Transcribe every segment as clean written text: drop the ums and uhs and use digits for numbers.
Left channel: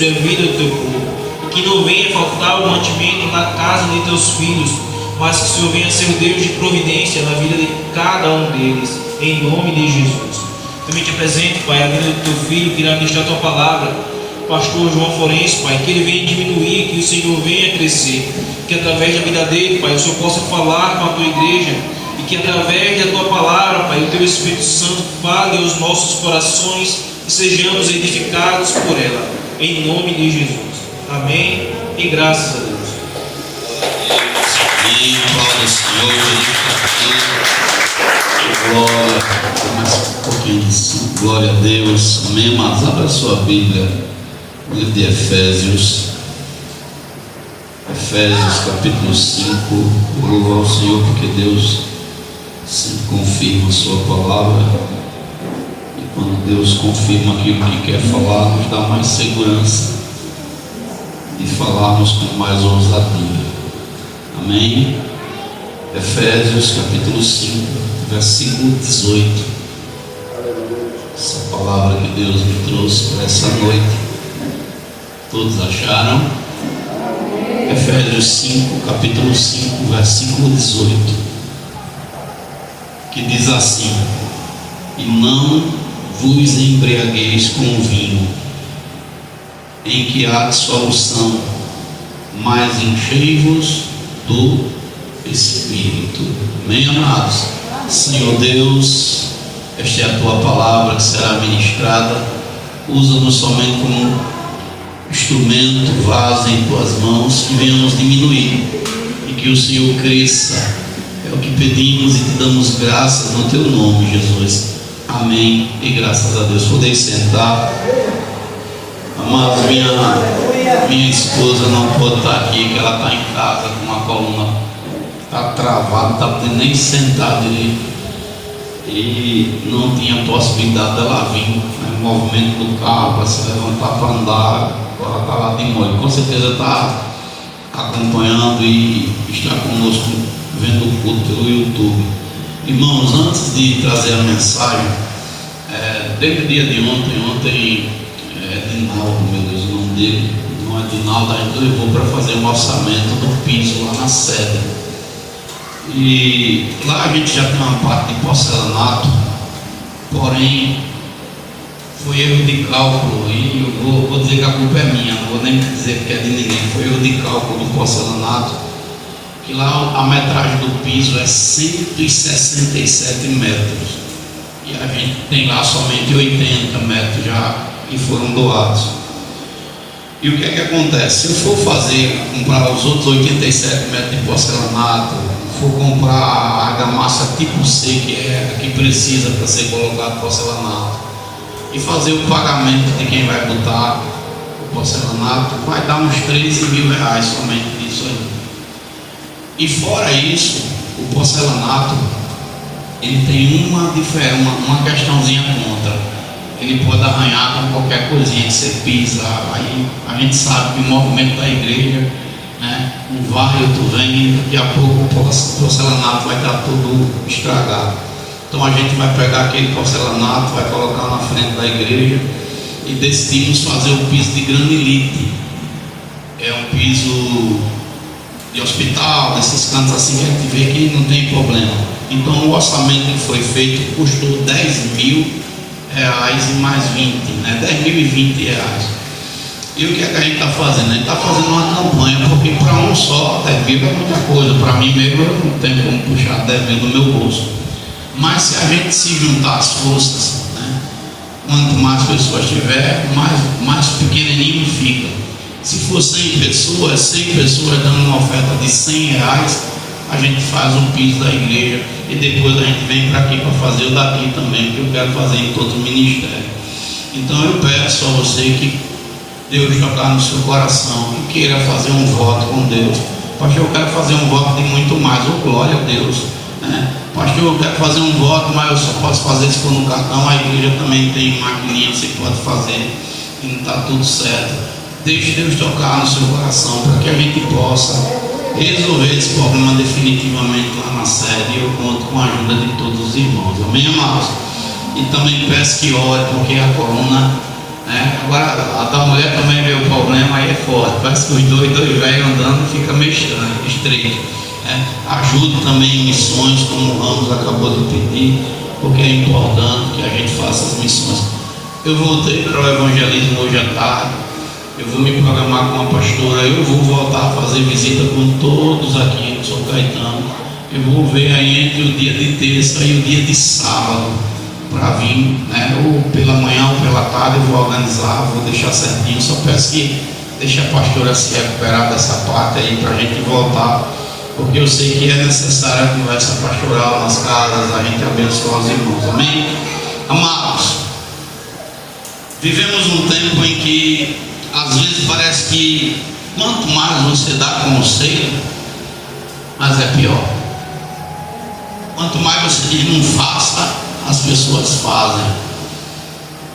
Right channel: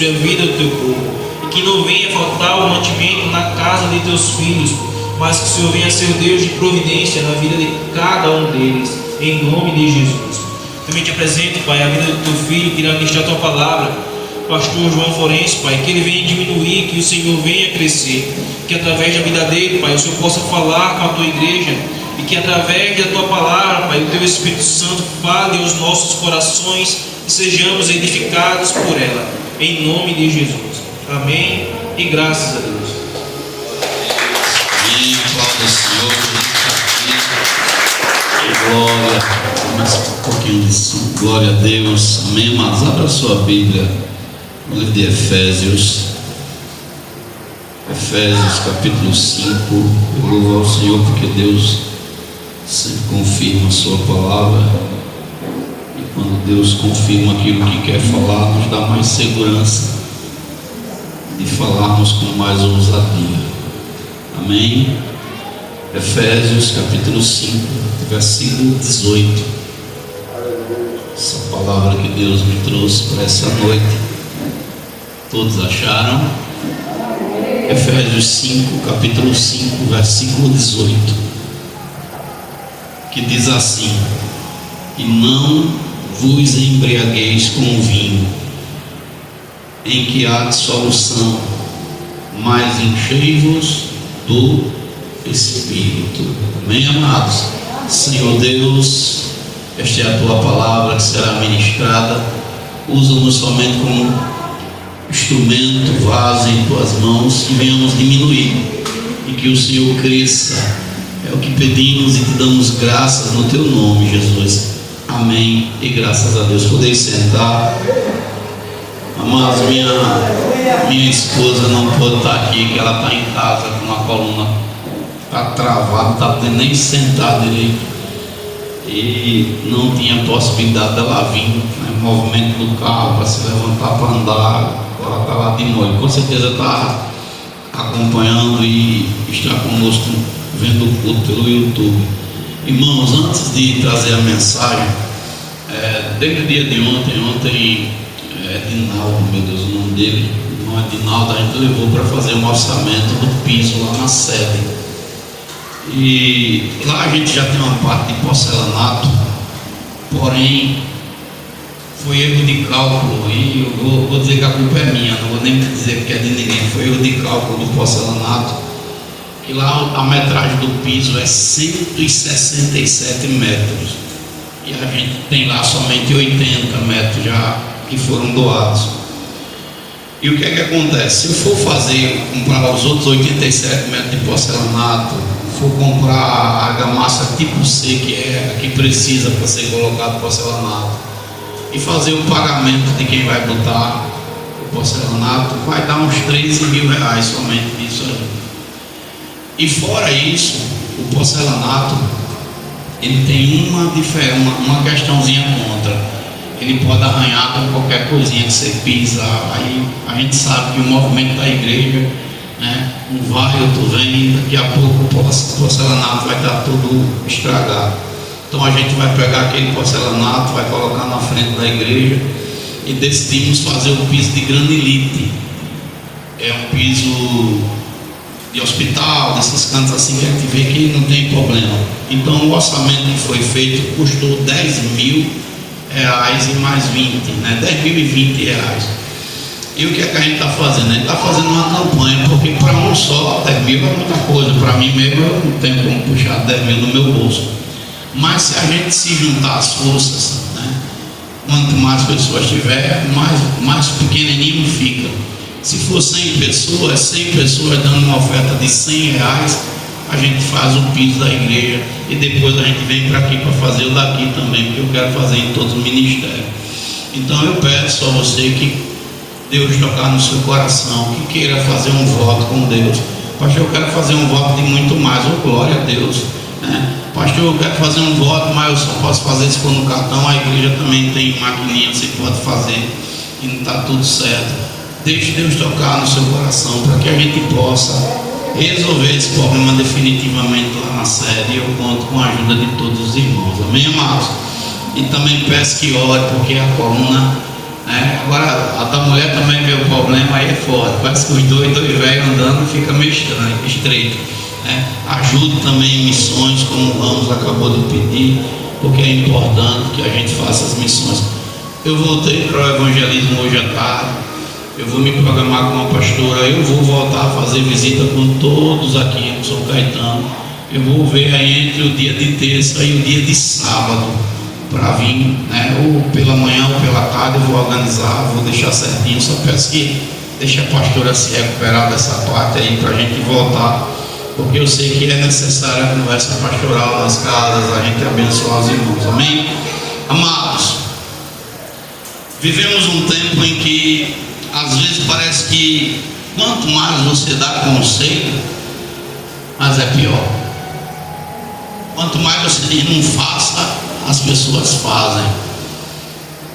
sobre a vida do teu povo, e que não venha faltar o mantimento na casa de teus filhos, mas que o Senhor venha ser o Deus de providência na vida de cada um deles, em nome de Jesus. Também te apresento, Pai, a vida do teu filho que irá ministrar a tua palavra, pastor João Florencio, Pai, que ele venha diminuir, que o Senhor venha crescer, que através da vida dele, Pai, o Senhor possa falar com a tua igreja, e que através da tua palavra, Pai, o teu Espírito Santo fale aos nossos corações e sejamos edificados por ela, em nome de Jesus. Amém e graças a Deus. Amém, glória ao Senhor, glória, mais um pouquinho disso, glória a Deus, amém, mas abra a sua Bíblia, no livro de Efésios capítulo 5, eu louvo ao Senhor porque Deus sempre confirma a sua palavra, e quando Deus confirma aquilo que quer falar, nos dá mais segurança de falarmos com mais ousadia. Amém? Efésios capítulo 5, versículo 18. Essa palavra que Deus me trouxe para essa noite, todos acharam? Efésios 5, capítulo 5, versículo 18, que diz assim: e não vos embriagueis com vinho, em que há dissolução, mas enchei-vos do Espírito. Amém, amados? Senhor Deus, esta é a tua palavra que será ministrada. Usa-nos somente como instrumento, vaso em tuas mãos, que venhamos diminuir e que o Senhor cresça. É o que pedimos e te damos graças no teu nome, Jesus. Amém e graças a Deus. Podem sentar. Amados, minha esposa não pode estar aqui, que ela está em casa com uma coluna, está travada, não está podendo nem sentar direito, e não tinha possibilidade dela vir, né, movimento do carro para se levantar para andar, ela está lá de molho, com certeza está acompanhando e está conosco vendo o culto pelo YouTube. Irmãos, antes de trazer a mensagem, desde o dia de ontem Dinaldo, meu Deus, o nome dele não é Dinaldo, a gente levou para fazer um orçamento do piso lá na sede, e lá a gente já tem uma parte de porcelanato, porém foi erro de cálculo, e eu vou dizer que a culpa é minha, não vou nem dizer que é de ninguém, foi erro de cálculo do porcelanato, que lá a metragem do piso é 167 metros, e a gente tem lá somente 80 metros já que foram doados. E o que é que acontece? Se eu for comprar os outros 87 metros de porcelanato, for comprar a argamassa tipo C, que é a que precisa para ser colocado porcelanato, e fazer o pagamento de quem vai botar o porcelanato, vai dar uns 13 mil reais somente disso aí. E fora isso, o porcelanato ele tem uma questãozinha contra. Ele pode arranhar com qualquer coisinha que você pisa. Aí a gente sabe que o movimento da igreja, né, um vai, outro vem, daqui a pouco o porcelanato vai estar tudo estragado. Então a gente vai pegar aquele porcelanato, vai colocar na frente da igreja, e decidimos fazer um piso de granilite. É um piso de hospital, desses cantos assim que a gente vê que não tem problema. Então o orçamento que foi feito custou 10 mil reais e mais 20, né? 10.020 reais. E o que é que a gente está fazendo? A gente está fazendo uma campanha, porque para um só 10 mil é muita coisa, para mim mesmo eu não tenho como puxar 10 mil no meu bolso. Mas se a gente se juntar as forças, né? Quanto mais pessoas tiver, mais pequenininho fica. Se for 100 pessoas dando uma oferta de 100 reais, a gente faz o piso da igreja, e depois a gente vem para aqui para fazer o daqui também, que eu quero fazer em todo o ministério. Então eu peço a você que Deus tocar no seu coração, que queira fazer um voto com Deus. Pastor, eu quero fazer um voto de muito mais, glória a Deus, né? Pastor, eu quero fazer um voto, mas eu só posso fazer se for no cartão. A igreja também tem maquininha que você pode fazer, e não está tudo certo. Deixe Deus tocar no seu coração, para que a gente possa resolver esse problema definitivamente lá na sede. Eu conto com a ajuda de todos os irmãos, amém, amados? E também peço que ore, porque a coluna, né? Agora a da mulher também veio para é forte. Parece que os dois velhos andando fica meio estranho, estreito. Né? Ajude também em missões, como o Ramos acabou de pedir, porque é importante que a gente faça as missões. Eu voltei para o evangelismo hoje à tarde. Eu vou me programar com a pastora. Eu vou voltar a fazer visita com todos aqui no São Caetano. Eu vou ver aí entre o dia de terça e o dia de sábado para vir, né? Ou pela manhã ou pela tarde. Eu vou organizar, vou deixar certinho. Só peço que deixe a pastora se recuperar dessa parte aí para a gente voltar, porque eu sei que é necessária a conversa pastoral nas casas, a gente abençoar os irmãos. Amém? Amados, vivemos um tempo em que às vezes parece que quanto mais você dá conselho, mais é pior. Quanto mais você diz não faça, as pessoas fazem.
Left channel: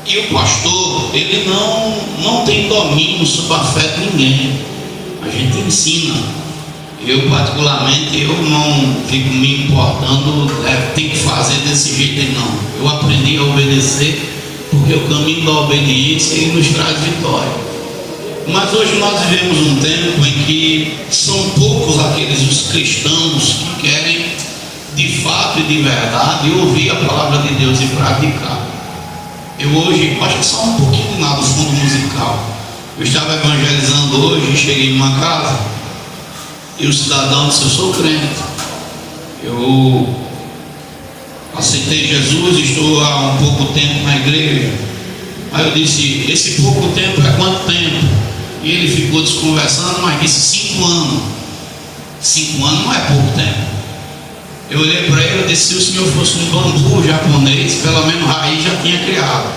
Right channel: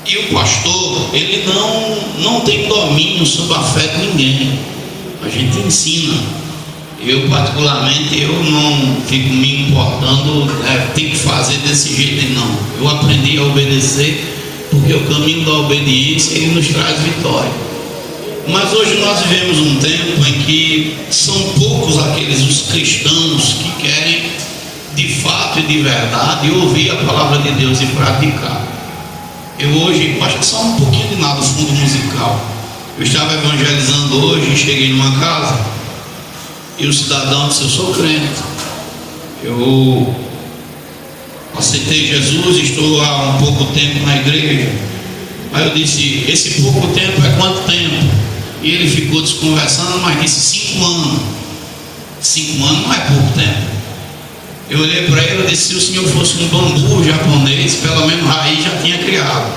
E o pastor, ele não tem domínio sobre a fé de ninguém. A gente ensina. Eu particularmente, eu não fico me importando, tem que fazer desse jeito, não. Eu aprendi a obedecer, porque o caminho da obediência ele nos traz vitória. Mas hoje nós vivemos um tempo em que são poucos aqueles os cristãos que querem de fato e de verdade ouvir a palavra de Deus e praticar. Eu hoje, acho que só um pouquinho de nada, fundo musical. Eu estava evangelizando hoje e cheguei numa casa e o cidadão disse: eu sou crente, eu aceitei Jesus, estou há um pouco tempo na igreja. Aí eu disse: esse pouco tempo é quanto tempo? E ele ficou desconversando, mas disse 5 anos. 5 anos não é pouco tempo. Eu olhei para ele e disse: se o senhor fosse um bambu japonês, pelo menos raiz já tinha criado,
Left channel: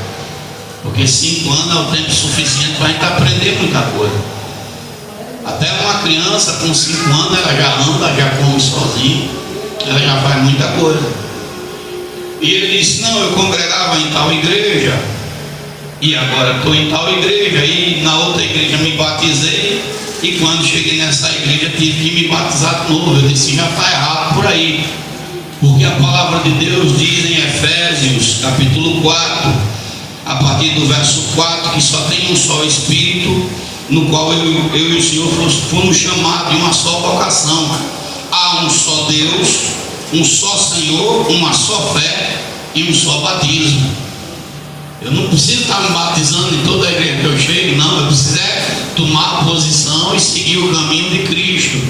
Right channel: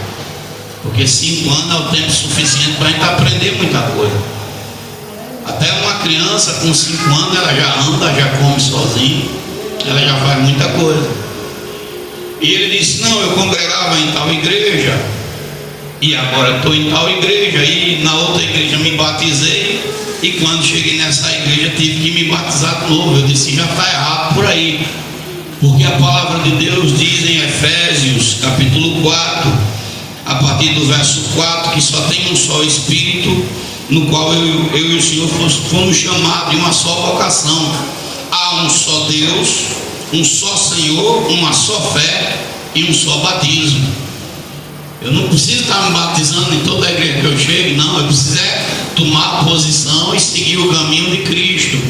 porque 5 anos é o tempo suficiente para a gente aprender muita coisa. Até uma criança com 5 anos ela já anda, já come sozinha, ela já faz muita coisa. E ele disse: não, eu congregava em tal igreja e agora estou em tal igreja, e na outra igreja me batizei, e quando cheguei nessa igreja tive que me batizar de novo. Eu disse: já está errado por aí, porque a palavra de Deus diz em Efésios capítulo 4, a partir do verso 4, que só tem um só Espírito, no qual eu e o Senhor fomos chamados de uma só vocação. Há um só Deus, um só Senhor, uma só fé e um só batismo. Eu não preciso estar me batizando em toda a igreja que eu chego, não. Eu preciso tomar posição e seguir o caminho de Cristo.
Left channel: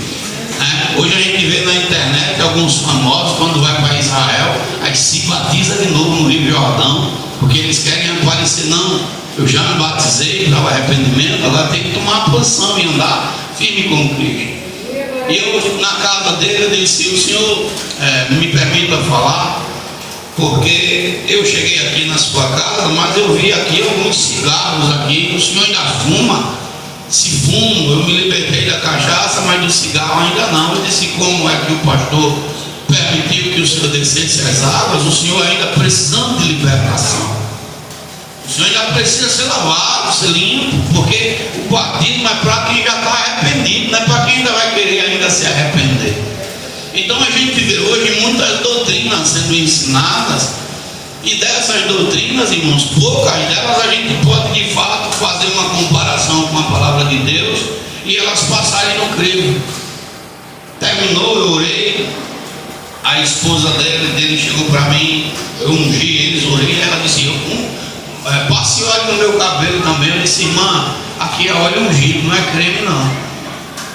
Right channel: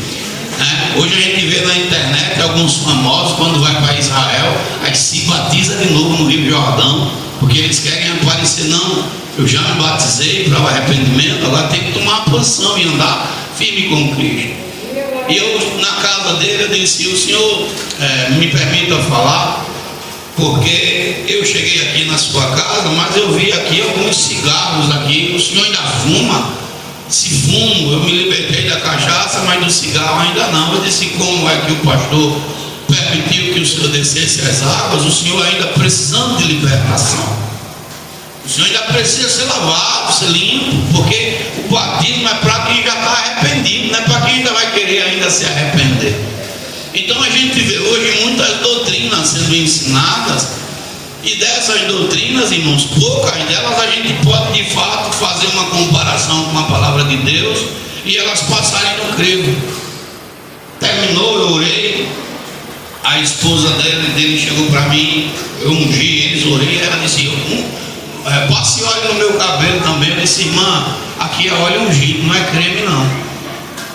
Hoje a gente vê na internet alguns famosos, quando vai para Israel, aí se batiza de novo no Rio Jordão, porque eles querem aparecer. Não, eu já me batizei para o arrependimento, agora tem que tomar posição e andar firme com Cristo. E eu, na casa dele, eu disse: o senhor me permita falar, porque eu cheguei aqui na sua casa, mas eu vi aqui alguns cigarros aqui. O senhor ainda fuma? Se fumo, eu me libertei da cachaça, mas do cigarro ainda não. Eu disse: como é que o pastor permitiu que o senhor descesse as águas? O senhor ainda precisando de libertação, o senhor ainda precisa ser lavado, ser limpo, porque o batismo é para quem já está arrependido, não é para quem ainda vai querer ainda se arrepender. Então a gente vê hoje muitas doutrinas sendo ensinadas, e dessas doutrinas, irmãos, poucas delas a gente pode de fato fazer uma comparação com a palavra de Deus e elas passarem no crivo. Terminou, eu orei, a esposa dele chegou para mim, eu ungi eles, orei, ela disse: passe óleo no meu cabelo também. Eu disse: irmã, aqui é óleo ungido, não é creme não.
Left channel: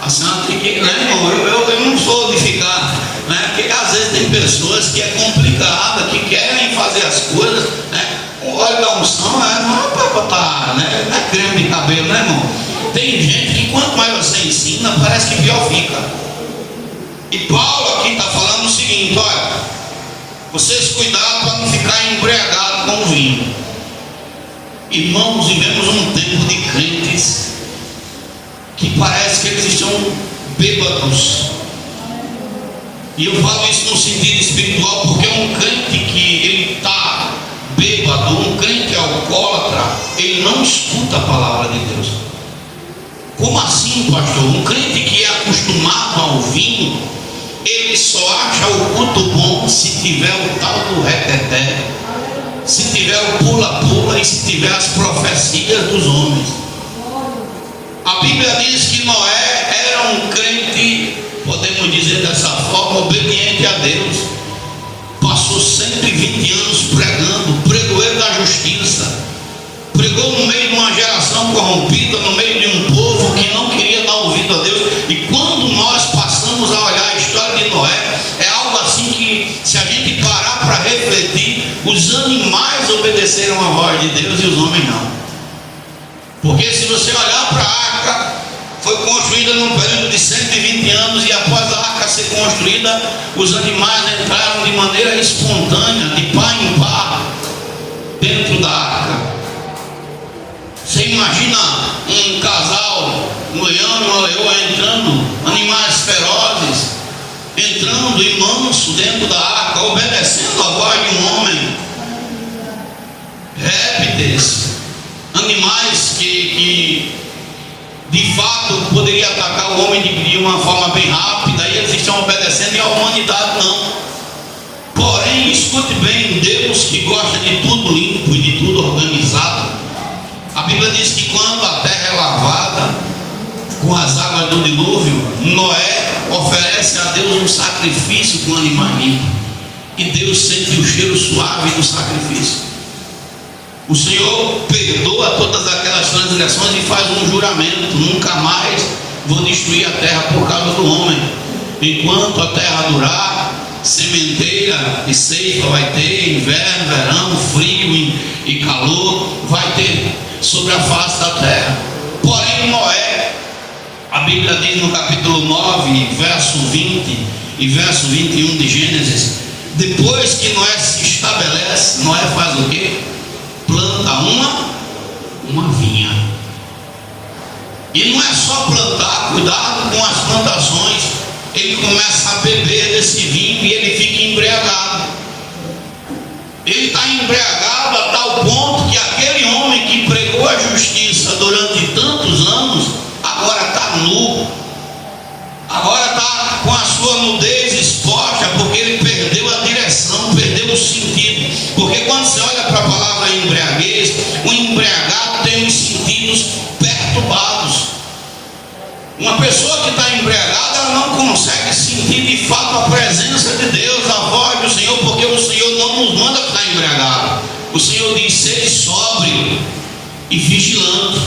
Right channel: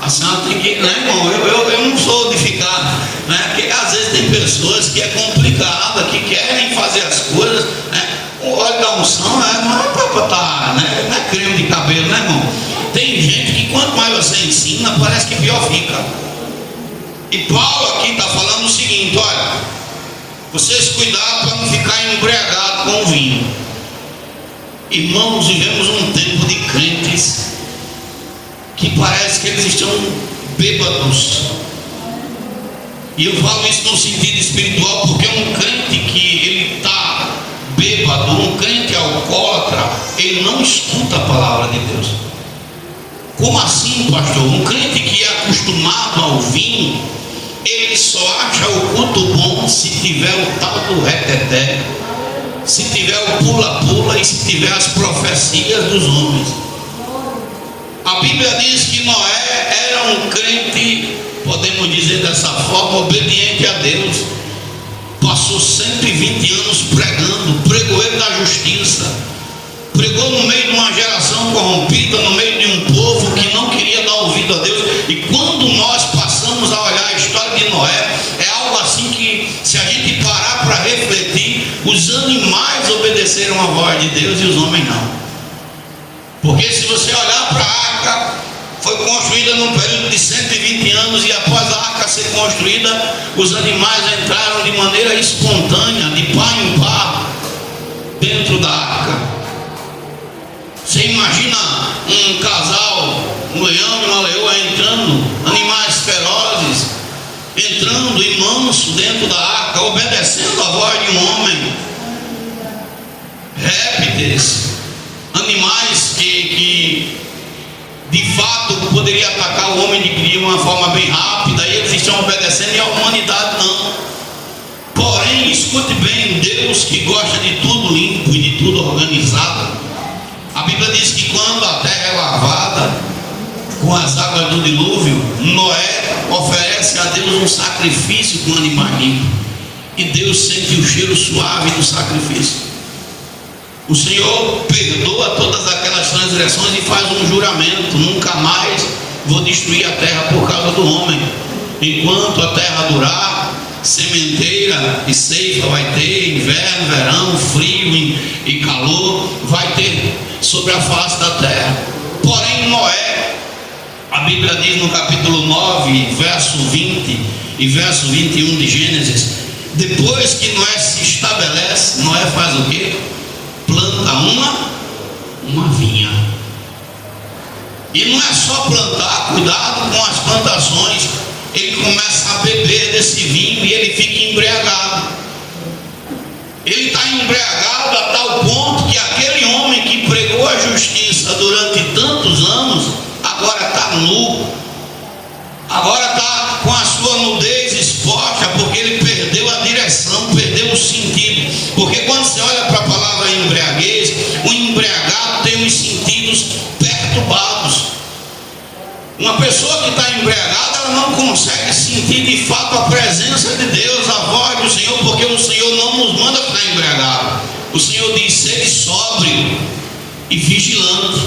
A senhora tem que, né, irmão? Eu não sou de ficar, né? Porque às vezes tem pessoas que é complicada, que querem fazer as coisas, né? O óleo da unção não é para botar, né? Não é creme de cabelo, né, irmão? Tem gente que quanto mais você ensina, parece que pior fica. E Paulo aqui está falando o seguinte: olha, vocês cuidado para não ficar embriagados com o vinho. Irmãos, vivemos um tempo de crentes que parece que eles estão bêbados. E eu falo isso no sentido espiritual, porque um crente que ele está bêbado, um crente alcoólatra, ele não escuta a palavra de Deus. Como assim, pastor? Um crente que é acostumado ao vinho, ele só acha o culto bom se tiver o tal do reteté, se tiver o pula-pula e se tiver as profecias dos homens. A Bíblia diz que Noé era um crente, podemos dizer dessa forma, obediente a Deus. Passou 120 anos pregando, pregoeiro da justiça, pregou no meio de uma geração corrompida, no meio de um povo que não queria dar ouvido a Deus. E quando nós passamos a olhar a história de Noé, é algo assim que, se a gente parar para refletir, os animais obedeceram a voz de Deus e os homens não. Porque se você olhar para a arca, foi construída num período de 120 anos, e após a arca ser construída, os animais entraram de maneira espontânea, de par em par, dentro da arca. Você imagina um casal, um leão e uma leoa entrando, animais ferozes, entrando em manso dentro da arca, obedecendo a voz de um homem. Répteis, animais que de fato poderia atacar o homem de uma forma bem rápida, e eles estão obedecendo, e a humanidade não. Porém, escute bem, Deus que gosta de tudo limpo e de tudo organizado, a Bíblia diz que quando a terra é lavada com as águas do dilúvio, Noé oferece a Deus um sacrifício com um animal limpo, e Deus sente o cheiro suave do sacrifício. O Senhor perdoa todas aquelas transgressões e faz um juramento: nunca mais vou destruir a terra por causa do homem. Enquanto a terra durar, sementeira e ceifa vai ter, inverno, verão, frio e calor vai ter sobre a face da terra. Porém, Noé, a Bíblia diz no capítulo 9, verso 20 e verso 21 de Gênesis, depois que Noé se estabelece, Noé faz o quê? Planta uma vinha. E não é só plantar, cuidado com as plantações. Ele começa a beber desse vinho e ele fica embriagado. Ele está embriagado a tal ponto que aquele homem que pregou a justiça durante tantos anos, agora está nu, agora está com a sua nudez exposta, porque ele perdeu a direção, perdeu o sentido. Porque quando você olha para a palavra embriaguez, o embriagado tem os sentidos perturbados. Uma pessoa que está embriagada, ela não consegue sentir de fato a presença de Deus, a voz do Senhor, porque o Senhor não nos manda ficar embriagado. O Senhor diz: sede sóbrio e vigilante.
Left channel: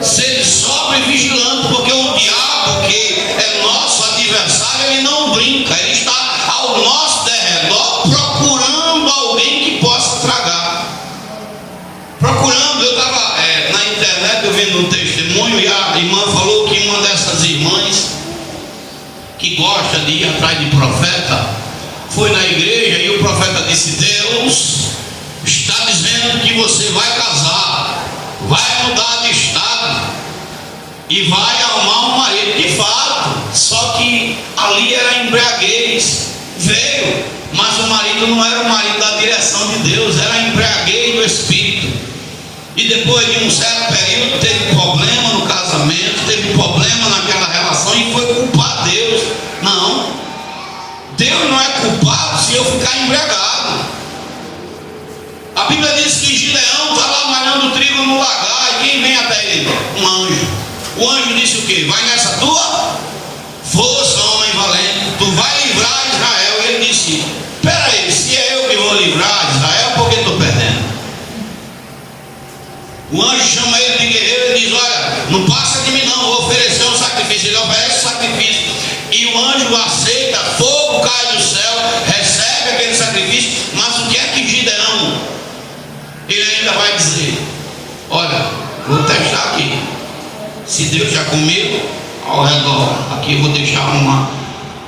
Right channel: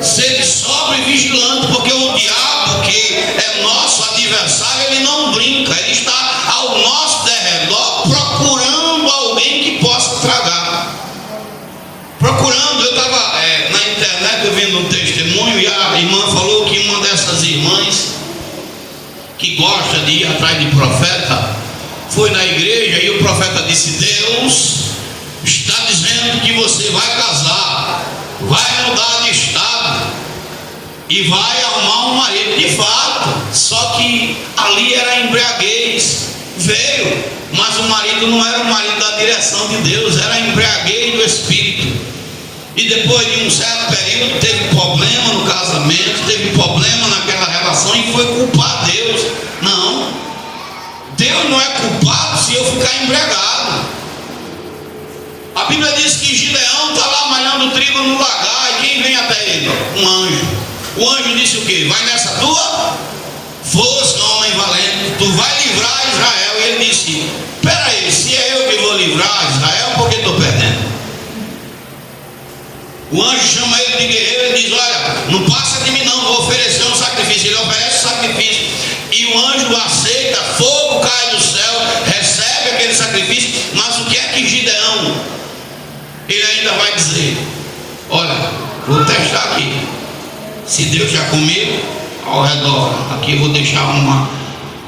Sede sóbrio e vigilante, porque o diabo, que é nosso adversário, ele não brinca, ele está ao nosso derredor procurando alguém que possa tragar. Procurando, eu estava na internet, eu vendo um testemunho, e a irmã falou que uma dessas irmãs que gosta de ir atrás de profeta foi na igreja, e o profeta disse: Deus está dizendo que você vai casar, vai mudar de estado e vai arrumar um marido. De fato, só que ali era embriaguez. Veio, mas o marido não era o marido da direção de Deus, era embriaguez do Espírito. E depois de um certo período teve problema no casamento, teve problema naquela relação, e foi culpar Deus. Não, Deus não é culpado se eu ficar embriagado. A Bíblia diz que Gideão está lá malhando trigo no lagar, e quem vem até ele? Um anjo. O anjo disse o quê? Vai nessa tua força, homem valente, tu vai livrar Israel. E ele disse: espera aí, se é eu que vou livrar Israel, por que estou perdendo? O anjo chama ele de guerreiro e diz: olha, não passa de mim não, vou oferecer um sacrifício. Ele oferece o sacrifício, e o anjo aceita, fogo cai do céu, recebe aquele sacrifício. Mas o que é que Gideão, ele ainda vai dizer: olha, vou testar aqui, se Deus já comigo, ao redor, aqui eu vou deixar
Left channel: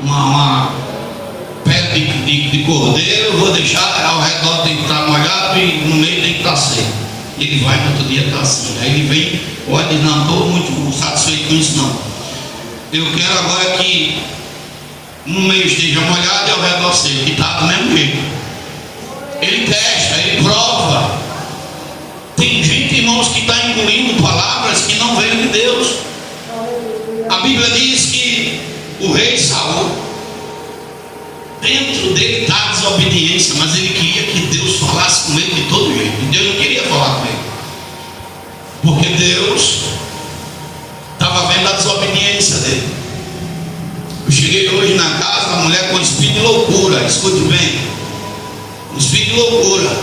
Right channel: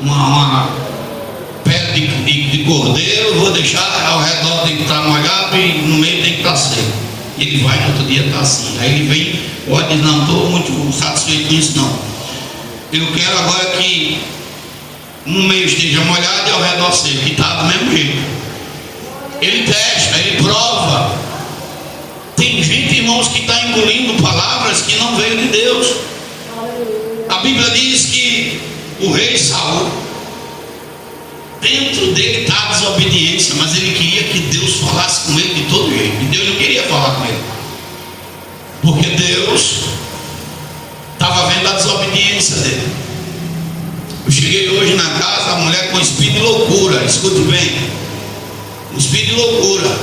uma pedra de cordeiro, vou deixar ao redor, tem que estar molhado, e no meio tem que estar seco. Ele vai no outro dia, está assim. Aí ele vem, olha, diz: não estou muito satisfeito com isso não, eu quero agora que no meio esteja molhado e ao redor seco. E está do mesmo jeito. Ele testa, ele prova. Tem gente, irmãos, que está engolindo palavras que não veio de Deus. A Bíblia diz que o rei Saul, dentro dele está a desobediência, mas ele queria que Deus falasse com ele de todo jeito, e Deus não queria falar com ele, porque Deus mulher com espírito de loucura, escute bem, um espírito de loucura.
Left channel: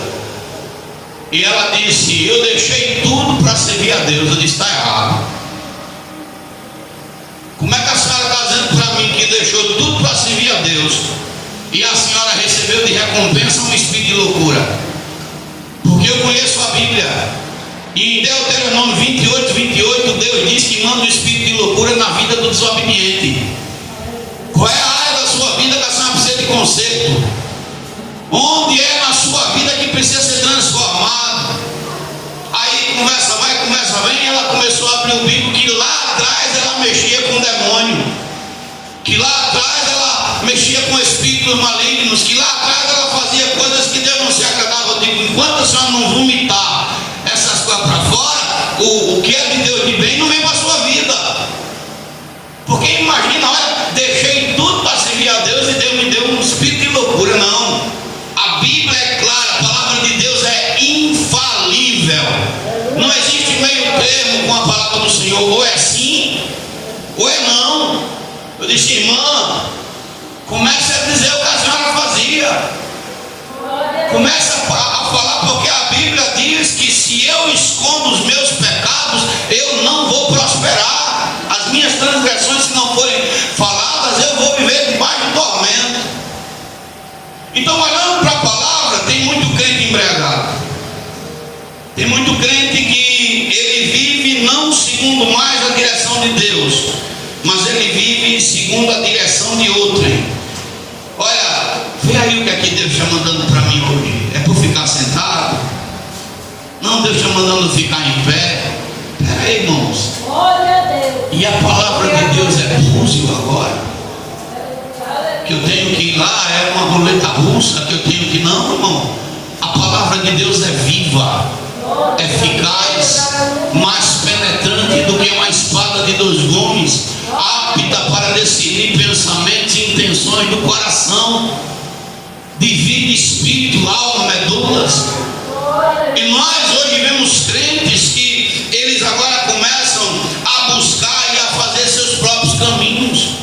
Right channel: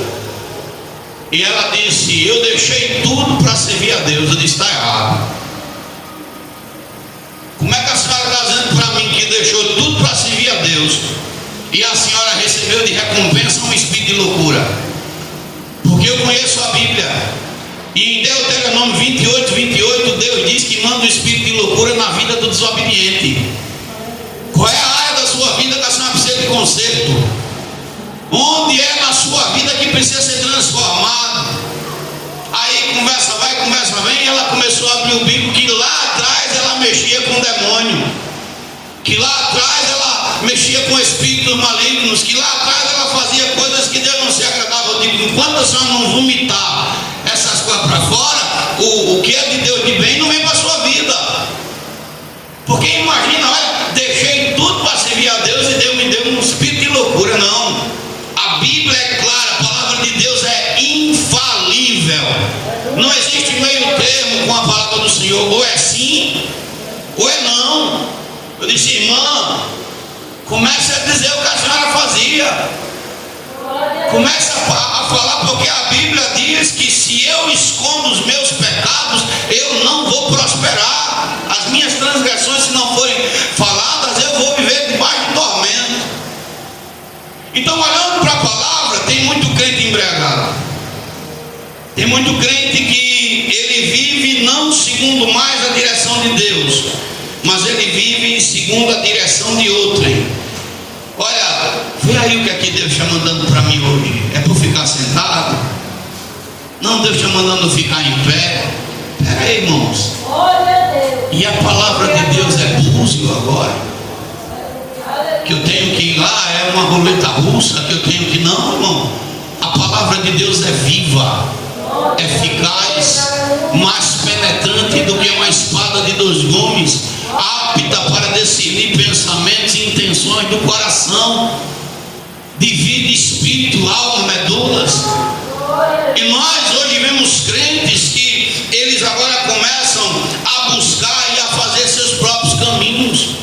E ela disse: eu deixei tudo para servir a Deus. Eu disse: está errado. Como é que a senhora está dizendo para mim que deixou tudo para servir a Deus e a senhora recebeu de recompensa um espírito de loucura? Porque eu conheço a Bíblia, e em Deuteronômio 28, Deus diz que manda o espírito de loucura na vida do desobediente. Qual é a área da sua vida que a senhora precisa de conserto? Onde é na sua vida que precisa ser transformado? Aí conversa vai, conversa vem, e ela começou a abrir o bico, que lá atrás ela mexia com o demônio, que lá atrás ela mexia com espíritos malignos, que lá atrás ela fazia coisas que Deus não se agradava. Eu digo: enquanto a senhora não vomitar essas coisas para fora, o que é de Deus de bem não vem para a sua vida. Porque imagina, olha, deixei tudo para servir a Deus e Deus me deu um espírito de loucura. Não, a Bíblia é clara, a palavra de Deus é infalível, não existe meio termo com a palavra do Senhor, ou é sim ou é não. Eu disse: irmã, comece a dizer o que a senhora fazia, comece a falar, porque a Bíblia diz que se eu escondo os meus pecados, eu não vou prosperar. As minhas transgressões, se não forem faladas, eu vou viver debaixo de tormento. Então, olhando para a palavra, tem muito crente embriagado, tem muito crente que ele vive não segundo mais a direção de Deus, mas ele vive segundo a direção de outrem. Olha, vê aí o que aqui Deus está mandando para mim hoje. É para ficar sentado? Não, Deus está mandando ficar em pé. Espera aí, irmãos. E a palavra de Deus é búzio agora? Que eu tenho que ir lá, é uma roleta russa que eu tenho que... Não, irmão. A palavra de Deus é viva, eficaz, mais penetrante do que uma espada de 2 gumes, apta para discernir pensamentos e intenções do coração, divide espírito, alma, medulas. E nós hoje vemos crentes que eles agora começam a buscar e a fazer seus próprios caminhos.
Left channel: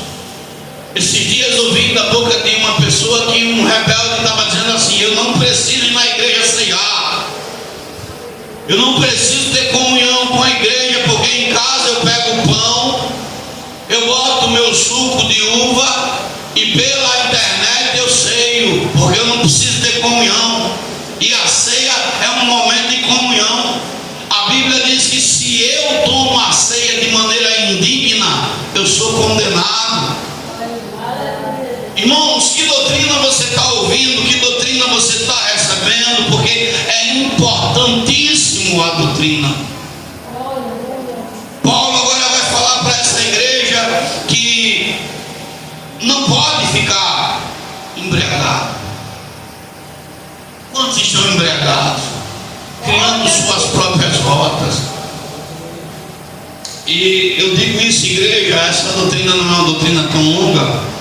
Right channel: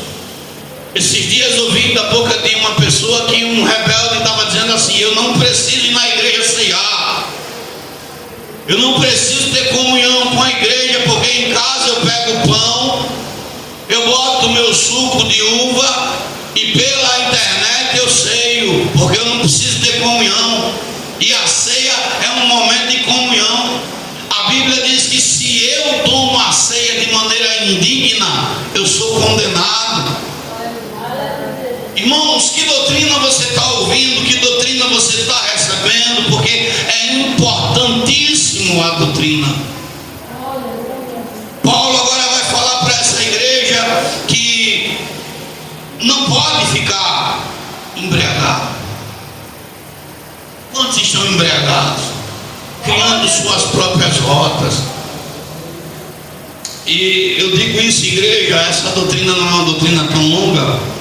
Esses dias eu ouvi da boca de uma pessoa que um rebelde estava dizendo assim: eu não preciso ir na igreja ceiar, eu não preciso ter comunhão com a igreja, porque em casa eu pego o pão, eu boto o meu suco de uva e pela internet eu ceio, porque eu não preciso ter comunhão. E a ceia é um momento de comunhão. A Bíblia diz que se eu tomo a ceia de maneira indigna, eu sou condenado. Irmãos, que doutrina você está ouvindo? Que doutrina você está recebendo? Porque é importantíssimo a doutrina. Paulo agora vai falar para essa igreja que não pode ficar embriagado. Quantos estão embriagados? Criando suas próprias rotas. E eu digo isso, igreja, essa doutrina não é uma doutrina tão longa.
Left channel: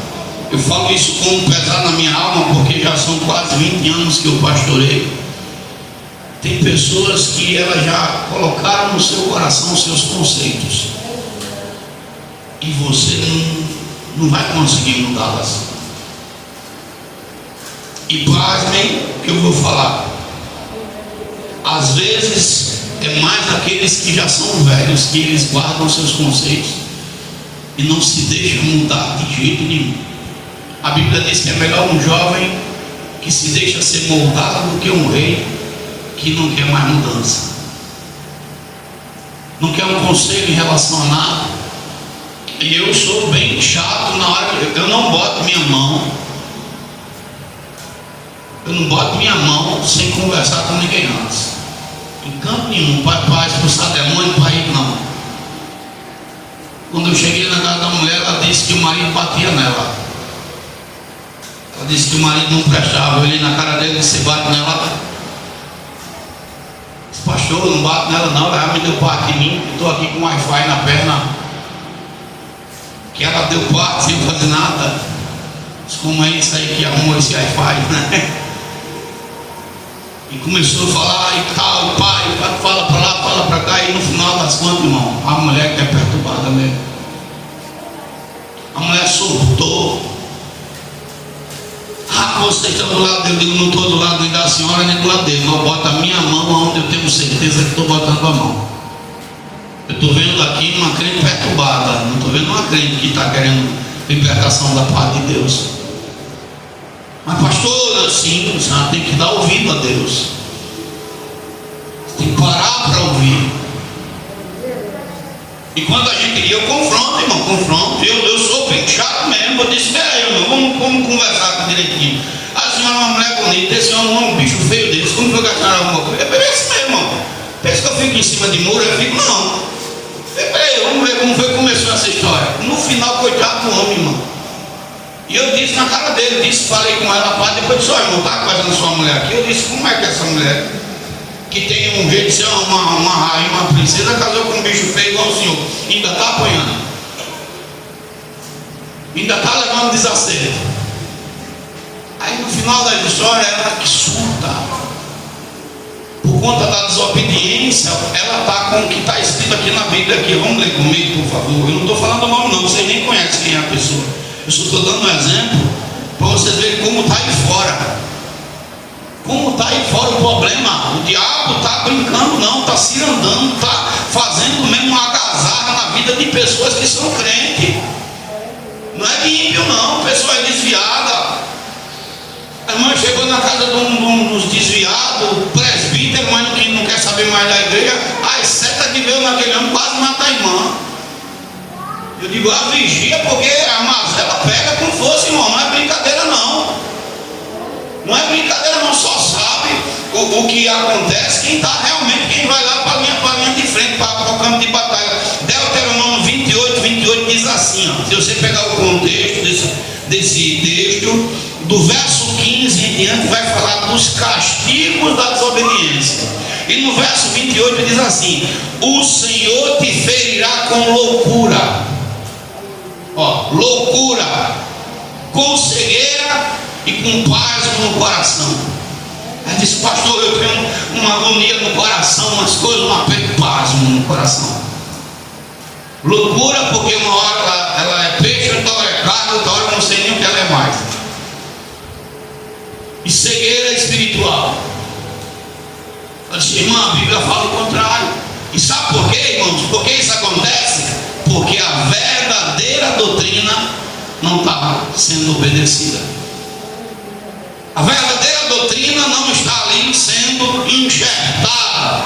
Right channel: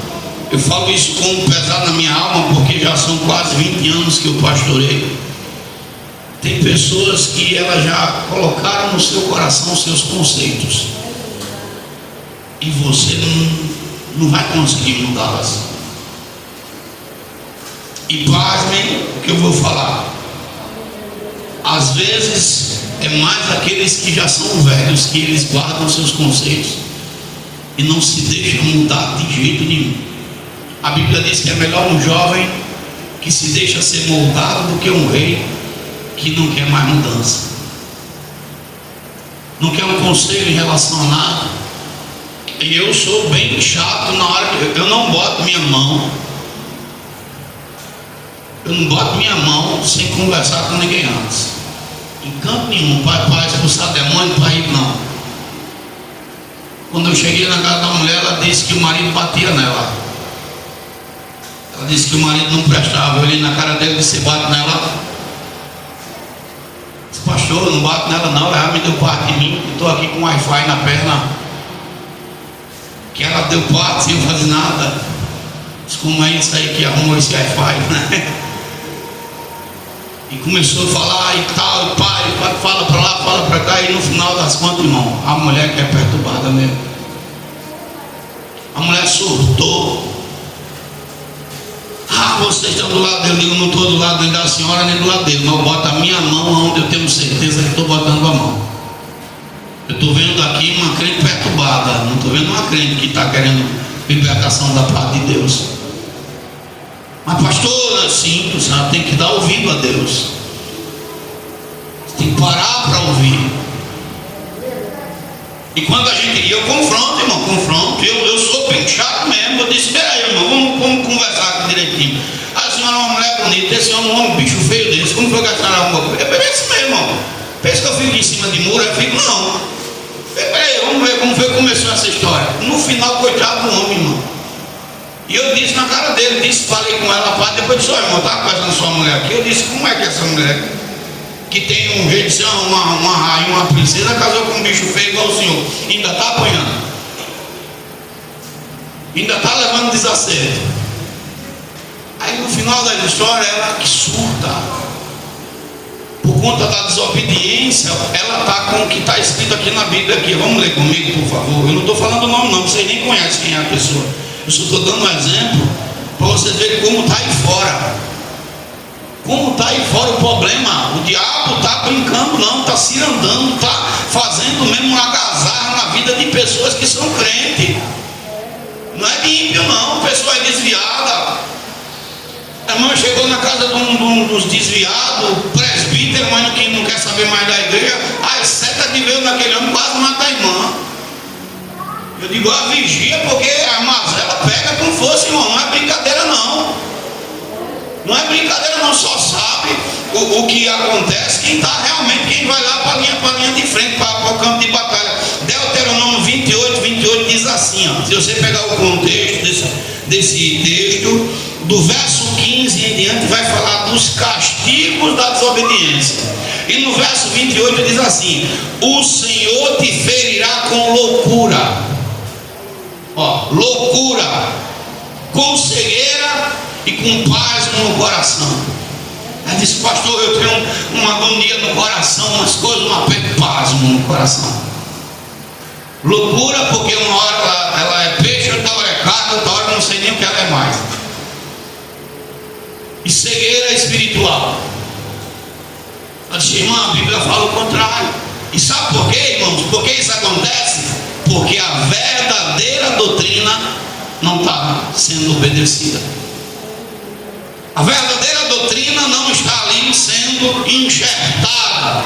Eu falo isso como pesar na minha alma, porque já são quase 20 anos que eu pastorei. Tem pessoas que elas já colocaram no seu coração seus conceitos, e você não vai conseguir mudá-las. E pasmem o que eu vou falar. Às vezes é mais aqueles que já são velhos, que eles guardam seus conceitos e não se deixam mudar de jeito nenhum. A Bíblia diz que é melhor um jovem que se deixa ser moldado do que um rei que não quer mais mudança, não quer um conselho em relação a nada. E eu sou bem chato na hora que eu não boto minha mão, eu não boto minha mão sem conversar com ninguém antes, em canto nenhum, para expulsar demônio, para ir não. Quando eu cheguei na casa da mulher, ela disse que o marido batia nela. Ela disse que o marido não prestava. Eu olhei na cara dele: você bate nela? Disse: pastor, eu não bato nela não, ela me deu parte de mim, estou aqui com Wi-Fi na perna, que ela deu parte sem fazer nada. Disse: como é isso aí que arruma esse Wi-Fi, né? E começou a falar e tal, e pai, fala para lá, fala para cá, e no final das contas, irmão, a mulher que é perturbada mesmo, a mulher surtou. você está do lado dele. Eu digo, não estou do lado nem da senhora nem do lado dele, mas eu boto a minha mão onde eu tenho certeza que estou botando a mão. Eu estou vendo aqui uma crente perturbada, não estou vendo uma crente que está querendo libertação da parte de Deus. Mas pastor, sim, você tem que dar ouvido a Deus. Você tem que parar para ouvir. E quando a gente, eu confronto, irmão, confronto. Eu sou bem chato mesmo. Eu disse, peraí, irmão, vamos conversar aqui direitinho. A senhora é uma mulher bonita, esse homem é um bicho feio desse. Como foi que a senhora arrumou com ele? É esse mesmo, irmão. Pensa que eu fico em cima de muro? Eu fico, não. Peraí, vamos ver como foi que começou essa história. No final, coitado do homem, irmão. E eu disse na cara dele, falei com ela, pá, depois disse, olha, irmão, tá casando sua mulher aqui. Eu disse, como é que essa mulher, que tem um jeito de ser uma rainha, uma princesa, casou com um bicho feio igual o senhor, ainda está apanhando, ainda está levando desacerto. Aí no final da história ela que surta. Por conta da desobediência, ela está com o que está escrito aqui na Bíblia aqui. Vamos ler comigo, por favor. Eu não estou falando mal não, vocês nem conhecem quem é a pessoa. Eu só estou dando um exemplo para vocês verem como está aí fora. Como está aí fora o problema. O diabo está brincando não, está se andando, está fazendo mesmo uma algazarra na vida de pessoas que são crentes. Não é de ímpio não, pessoa é desviada. A irmã chegou na casa de uns desviados, presbítero, mas não quer saber mais da igreja. As setas de ver naquele ano quase mata a irmã. Eu digo, a vigia, porque a mazela pega com força, irmão. Não é brincadeira não. Não é brincadeira não, só sabe o que acontece quem está realmente, quem vai lá para a linha de frente, para o campo de batalha. Deuteronômio 28 diz assim, ó, se você pegar o contexto desse texto, do verso 15 em diante vai falar dos castigos da desobediência. E no verso 28 diz assim: o Senhor te ferirá com loucura, ó, loucura, com cegueira e com pasmo no coração. Ela disse, pastor, eu tenho uma agonia no coração, umas coisas, um aperto, pasmo no coração. Loucura porque uma hora ela é peixe, outra hora é carne, outra hora eu não sei nem o que ela é mais. E cegueira espiritual. Ela disse, irmã, a Bíblia fala o contrário. E sabe por quê, irmãos? Por que isso acontece? Porque a verdadeira doutrina não está sendo obedecida. A verdadeira doutrina não está ali sendo enxertada.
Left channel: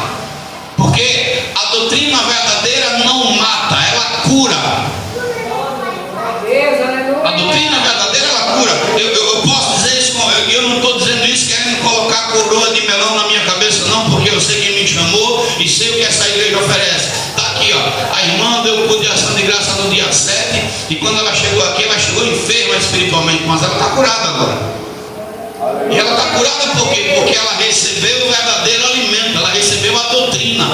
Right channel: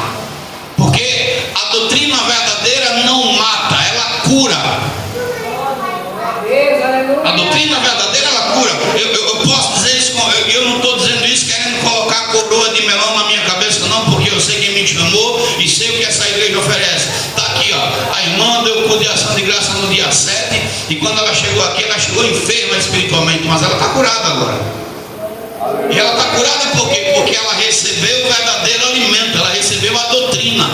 Porque a doutrina verdadeira não mata, ela cura. A doutrina verdadeira ela cura. Eu posso dizer isso, eu não estou dizendo isso querendo colocar coroa de melão na minha cabeça, não, porque eu sei quem me chamou e sei o que essa igreja oferece. Está aqui, ó. A irmã deu por de ação de graça no dia 7, e quando ela chegou aqui, ela chegou enferma espiritualmente, mas ela está curada agora. E ela está curada por quê? Porque ela recebeu o verdadeiro alimento, ela recebeu a doutrina.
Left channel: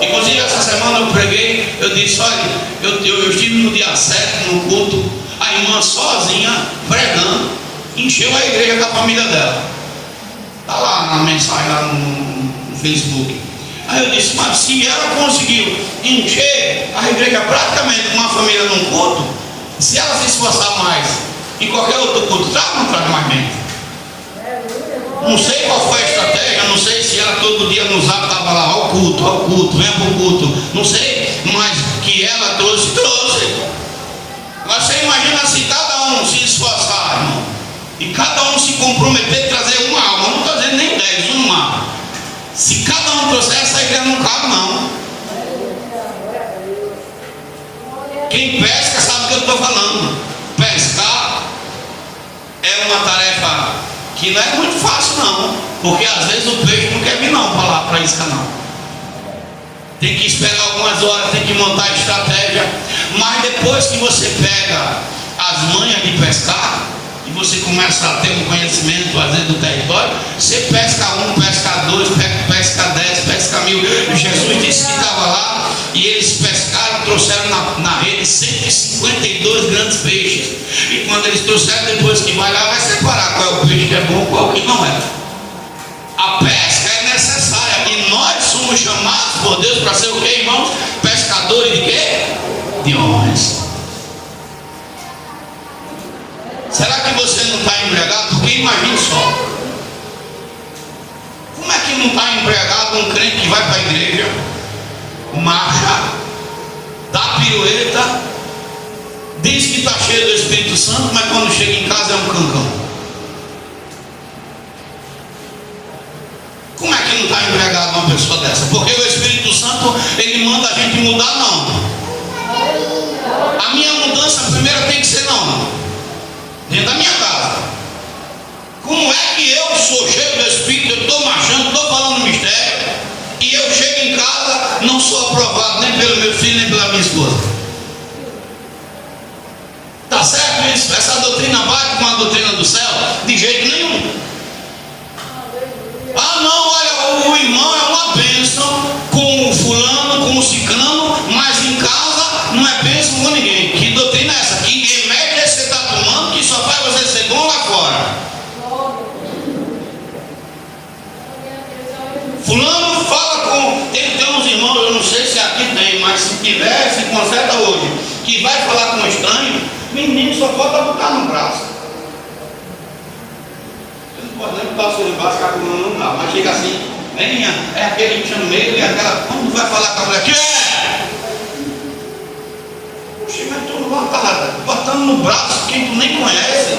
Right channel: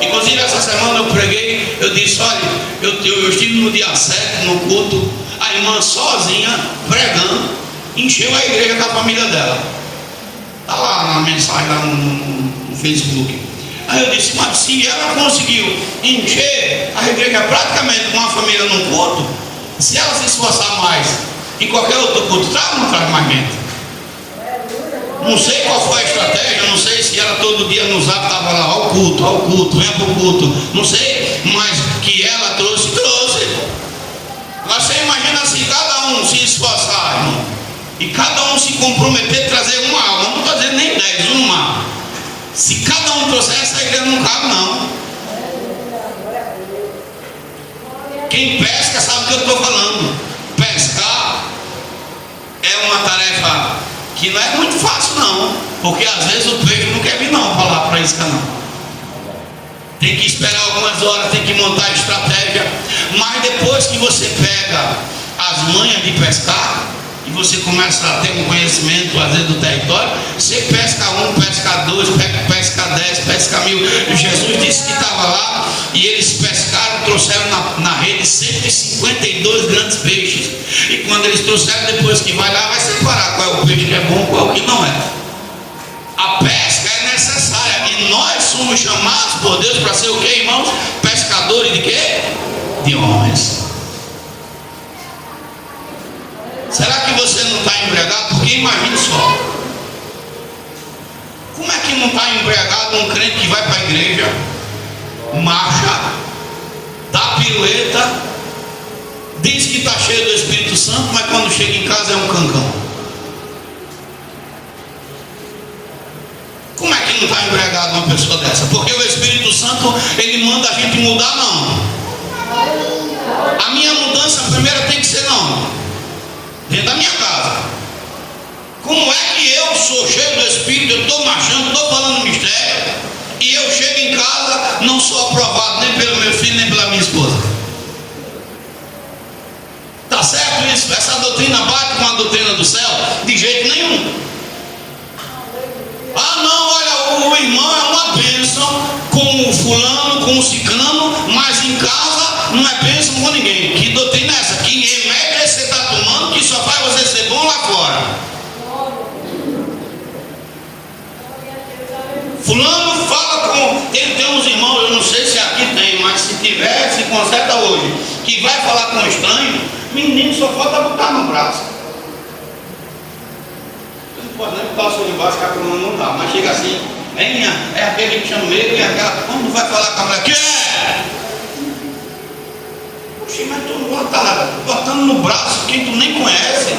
Inclusive essa semana eu preguei, eu disse, olha, eu estive no dia 7 no culto, a irmã sozinha pregando, encheu a igreja com a família dela. Está lá na mensagem, lá no Facebook. Aí eu disse, mas se ela conseguiu encher a igreja praticamente com a família no culto, se ela se esforçar mais em qualquer outro culto, traz ou não traz mais gente? Não sei qual foi a estratégia, não sei se ela todo dia no zap estava lá, ao culto, venha para o culto, não sei, mas que ela trouxe. Agora você imagina se cada um se esforçar, irmão, e cada um se comprometer a trazer uma alma, não estou dizendo nem 10, uma. Se cada um trouxer, essa igreja não cabe não. Quem pesca sabe o que eu estou falando. Pescar é uma tarefa que não é muito fácil não, porque às vezes o peixe não quer vir não para lá, para isca não. Tem que esperar algumas horas, tem que montar a estratégia, mas depois que você pega as manhas de pescar, e você começa a ter um conhecimento às vezes do território, você pesca 1, pesca 2, pesca 10, pesca 1000. E Jesus disse que estava lá e eles pescaram, trouxeram na rede 152 grandes peixes. E quando eles trouxeram, depois que vai lá, vai separar qual é o peixe que é bom e qual que não é. A pesca é necessária e nós somos chamados por Deus para ser o que, irmãos? Pescadores de quê? De homens. Será que você não está embriagado? Porque com um crente que vai para a igreja, marcha, dá pirueta, diz que está cheio do Espírito Santo, mas quando chega em casa é um cancão. Como é que não está embriagado uma pessoa dessa? Porque o Espírito Santo, ele manda a gente mudar, não. A minha mudança primeiro tem que ser não, dentro da minha casa. Como é que eu sou cheio do Espírito, eu estou marchando, estou falando mistério, e eu chego em casa, não sou aprovado nem pelo meu filho, nem pela minha esposa? Está certo isso? Essa doutrina bate com a doutrina do céu? De jeito nenhum. Ah não, olha, o irmão é uma bênção com o fulano, com o ciclano, mas em casa não é bênção com ninguém. Que doutrina é essa? Que remédio é que você está tomando que só faz você ser bom lá fora? Fulano fala com... Tem uns irmãos, eu não sei se aqui tem, mas se tiver, se conserta hoje, que vai falar com um estranho, menino só falta botar no braço. Pode nem botar o seu embaixo, que a coluna não dá, mas chega assim, é aquele que chama medo, e aquela, quando vai falar com a mulher, que é? Poxa, mas tu botando no braço quem tu nem conhece.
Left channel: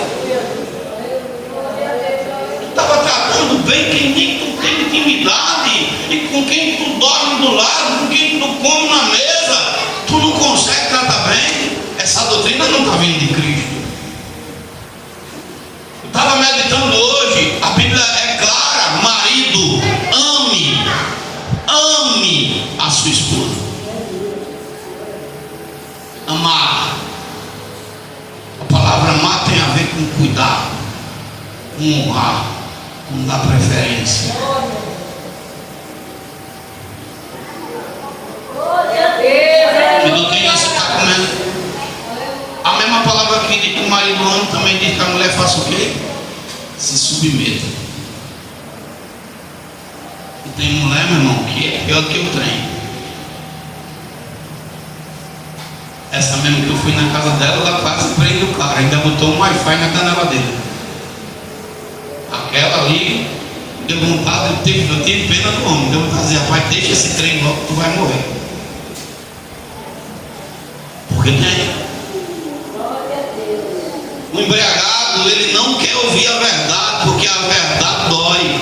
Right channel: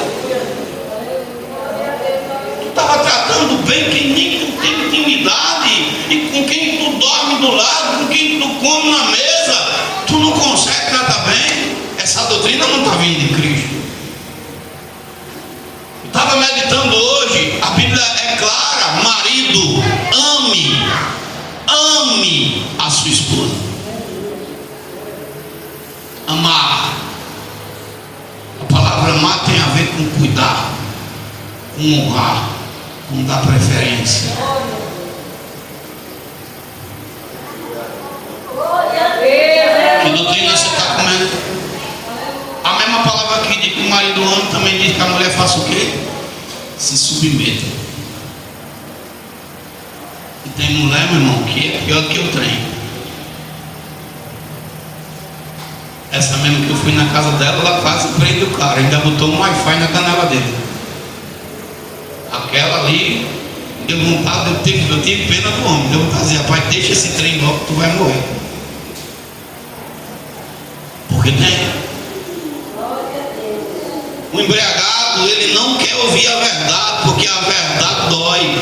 Tu estava tratando bem quem nem tu tem intimidade, e com quem tu dorme do lado, com quem tu come na mesa, tu não consegue tratar bem. Essa doutrina não está vindo de Cristo. Estava meditando hoje, a Bíblia é clara: marido, ame a sua esposa. Amar. A palavra amar tem a ver com cuidar, com honrar, com dar preferência. Que doutrina você está comendo? A mesma palavra que diz que o marido ama também diz que a mulher faça o quê? Se submeta. E tem mulher, meu irmão, que é pior que o trem. Essa mesmo que eu fui na casa dela, ela quase prende o cara, ainda botou um Wi-Fi na canela dele. Aquela ali, deu vontade, eu tive pena do homem, deu vontade de dizer, rapaz, deixa esse trem logo que tu vai morrer. Porque tem. O embriagado, ele não quer ouvir a verdade, porque a verdade dói.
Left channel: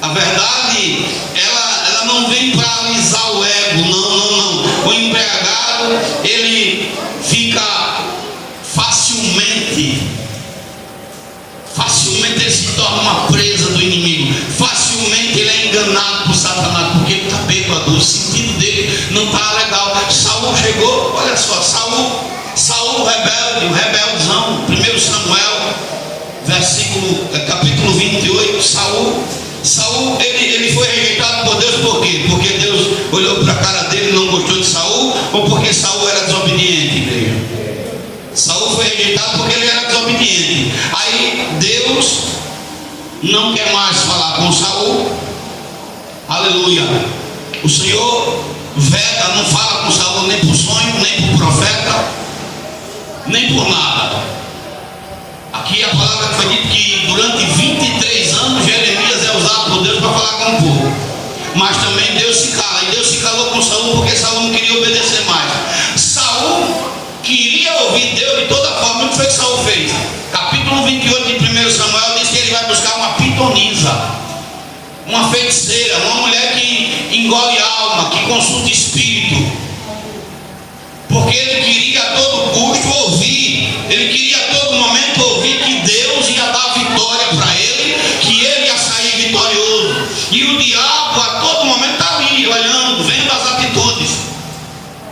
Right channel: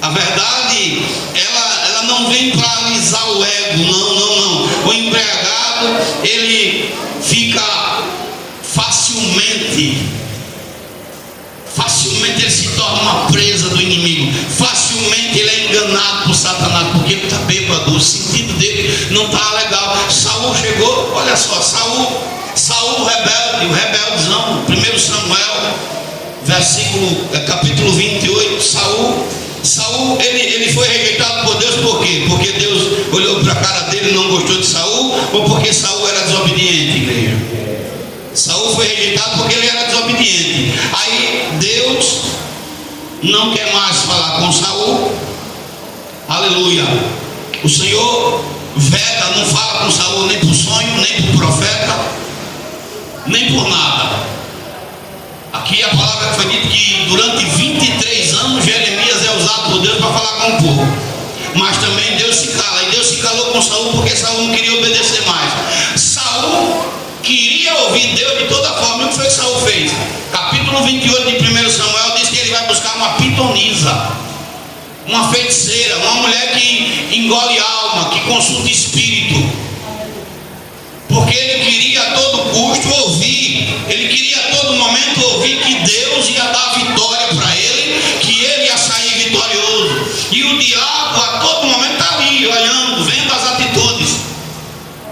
A verdade, ela não vem para alisar o ego, não. O embriagado, ele fica facilmente ele se torna uma presa do inimigo. Facilmente ele é enganado por Satanás, porque ele está bêbado, o sentido dele não está legal. Saul chegou, olha só, Saul rebelde, o rebeldezão, 1 Samuel, capítulo 28, Saul, ele foi rejeitado por Deus, por quê? Porque Deus olhou para a cara dele e não gostou de Saul, ou porque Saul era desobediente, igreja? Saul foi rejeitado porque ele era desobediente. Aí Deus não quer mais falar com Saul, aleluia. O Senhor veda, não fala com Saul nem por sonho, nem por profeta, nem por nada. Aqui a palavra foi dita que durante 23 anos Jeremias é usado por Deus para falar com o povo. Mas também Deus se cala. E Deus se calou com Saul porque Saul não queria obedecer mais. Saul queria ouvir Deus de toda forma. O que foi que Saul fez? Capítulo 28 de 1 Samuel diz que ele vai buscar uma pitonisa, uma feiticeira, uma mulher que engole alma, que consulta espírito. Porque ele queria a todo custo ouvir, ele queria a todo momento ouvir que Deus ia dar vitória para ele, que ele ia sair vitorioso. E o diabo a todo momento está ali, olhando, vendo as atitudes.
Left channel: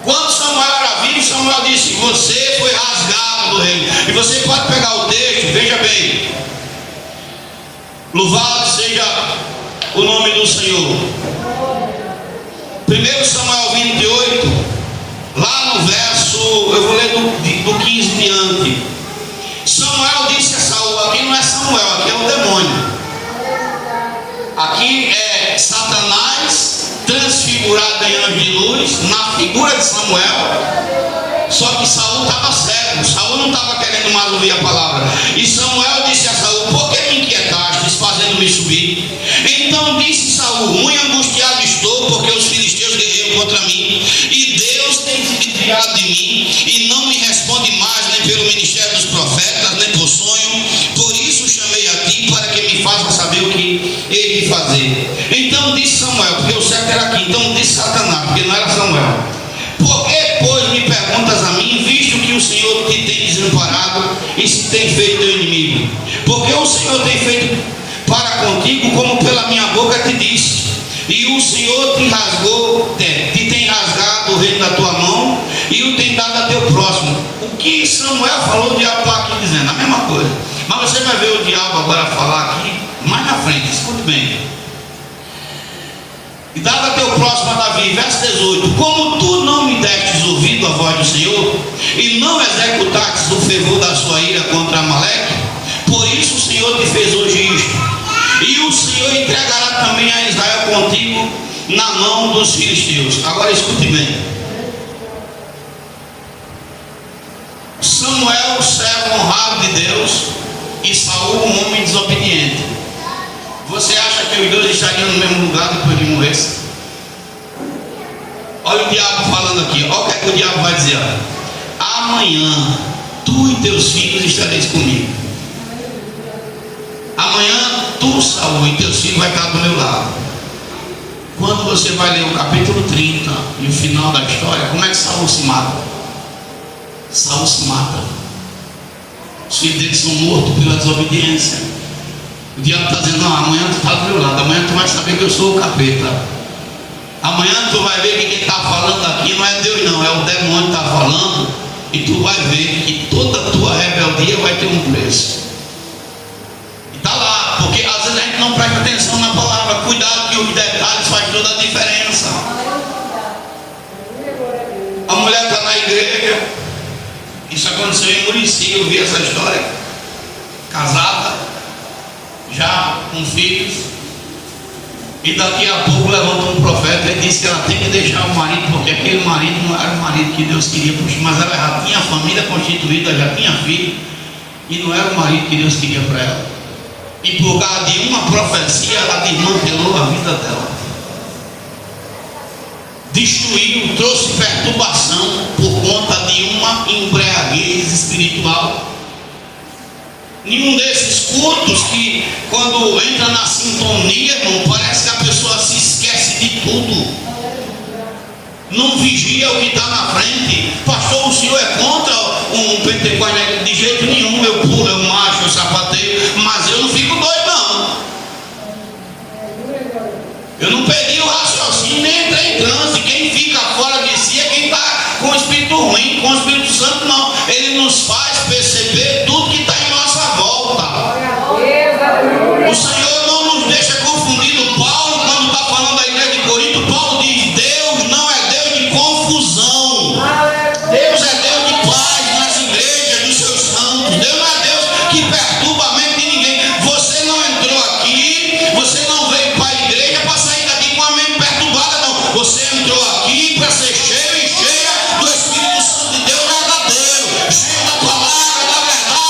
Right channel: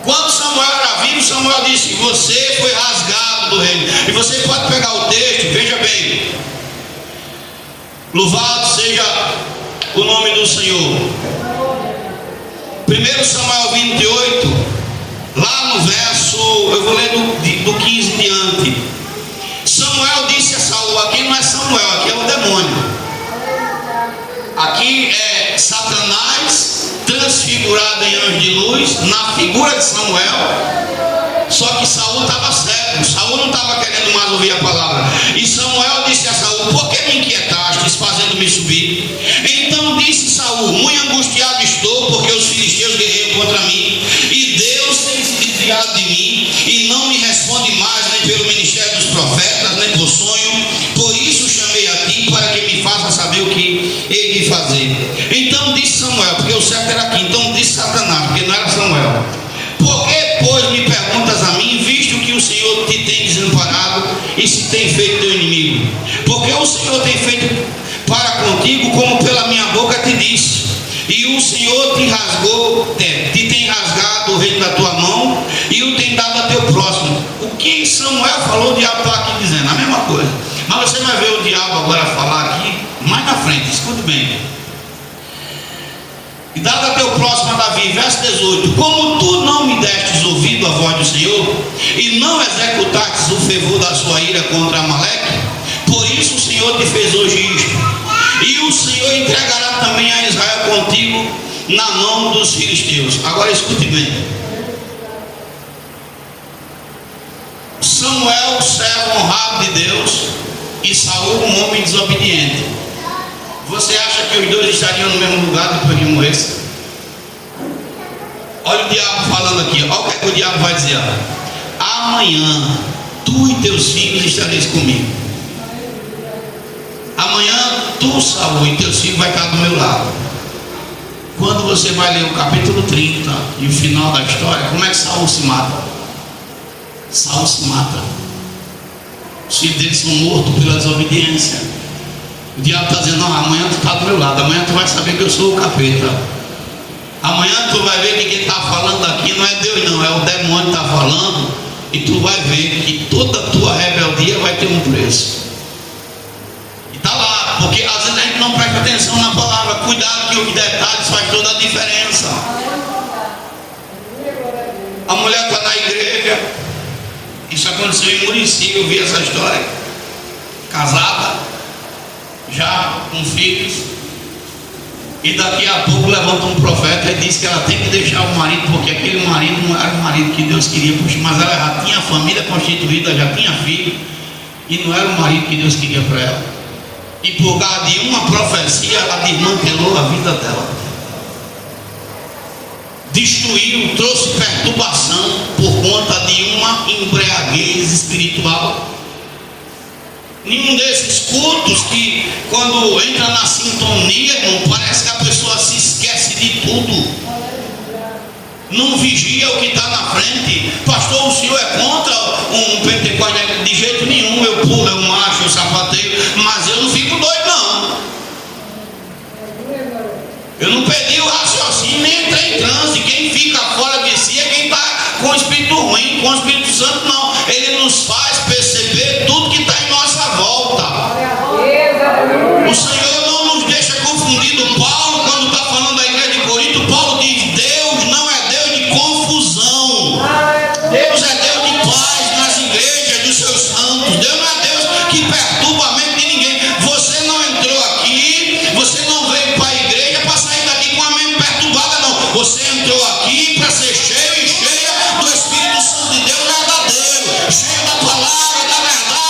Quando Samuel era vivo, Samuel disse: você foi rasgado do reino. E você pode pegar o texto, veja bem. Louvado seja o nome do Senhor. 1 Samuel 28, lá no verso, eu vou ler do 15 diante. Samuel disse a Saul: aqui não é Samuel, aqui é o demônio. Aqui é Satanás transfigurado em anjo de luz, na figura de Samuel. Só que Saul estava cego, Saul não estava querendo mais ouvir a palavra. E Samuel disse a Saul: por que me inquietastes, fazendo-me subir? Então disse Saul: muito angustiado estou, porque os filisteus guerreiam contra mim, e Deus tem se desviado de mim, e não me responde mais, nem pelo ministério dos profetas, nem por sonho. Por isso chamei a ti, para que me faça saber o que hei de fazer. Então disse Samuel, porque o certo era aqui, então disse Satanás, porque não era Samuel: por que, pois, me perguntas a mim, visto que o Senhor te tem desamparado e se tem feito teu inimigo? Porque o Senhor tem feito para contigo como pela minha boca te disse, e o Senhor te rasgou, te tem rasgado o reino da tua mão, e o tem dado a teu próximo. O que Samuel falou, o diabo está aqui dizendo a mesma coisa, mas você vai ver o diabo agora falar aqui mais na frente. Escute bem: e dado a teu próximo a Davi, verso 18: como tu não me destes ouvido a voz do Senhor, e não executastes o fervor da sua ira contra Amaleque, por isso o Senhor te fez hoje isto, e o Senhor entregará também a Israel contigo na mão dos filisteus. Agora escute bem: Samuel, servo honrado de Deus, e Saul, um homem desobediente. Você acha que os dois estariam no mesmo lugar depois de morrer? Olha o diabo falando aqui, olha o que é que o diabo vai dizer: amanhã tu e teus filhos estareis comigo. Amanhã tu, Saul, e teus filhos vai estar do meu lado. Quando você vai ler o capítulo 30 e o final da história, como é que Saul se mata? Saul se mata. Os filhos dele são mortos pela desobediência. O diabo está dizendo: não, amanhã tu está do meu lado, amanhã tu vai saber que eu sou o capeta. Amanhã tu vai ver que quem está falando aqui não é Deus não, é o demônio que está falando, e tu vai ver que toda a tua rebeldia vai ter um preço. E está lá, porque às vezes a gente não presta atenção na palavra. Cuidado que os detalhes fazem toda a diferença. A mulher está na igreja, isso aconteceu em Murici, eu vi essa história, casada, já com filhos, e daqui a pouco levanta um profeta e diz que ela tem que deixar o marido, porque aquele marido não era o marido que Deus queria, mas ela já tinha família constituída, já tinha filho, e não era o marido que Deus queria para ela. E por causa de uma profecia, ela desmantelou a vida dela, destruiu, trouxe perturbação por conta de uma embriaguez espiritual. Nenhum desses cultos que, quando entra na sintonia, irmão, parece que a pessoa se esquece de tudo, não vigia o que está na frente. Pastor, o senhor é contra um pentecostal? De jeito nenhum, eu pulo, eu macho, eu sapateio, mas eu não fico doido não. Eu não perdi o raciocínio, nem entrei em transe. Quem fica fora de si é quem está com o Espírito ruim. Com o Espírito Santo não, ele nos faz perceber tudo que está em nossa volta. O Senhor não nos deixa confundido. Paulo, quando está falando da igreja de Corinto, Paulo diz: Deus não é Deus de confusão, Deus é Deus de paz nas igrejas dos seus santos. Deus não é Deus que perturba a mente de ninguém. Você não entrou aqui, você não veio para a igreja para sair daqui com a mente perturbada, não. Você entrou aqui para ser cheio e cheia do Espírito Santo de Deus verdadeiro, cheio da palavra, da verdade.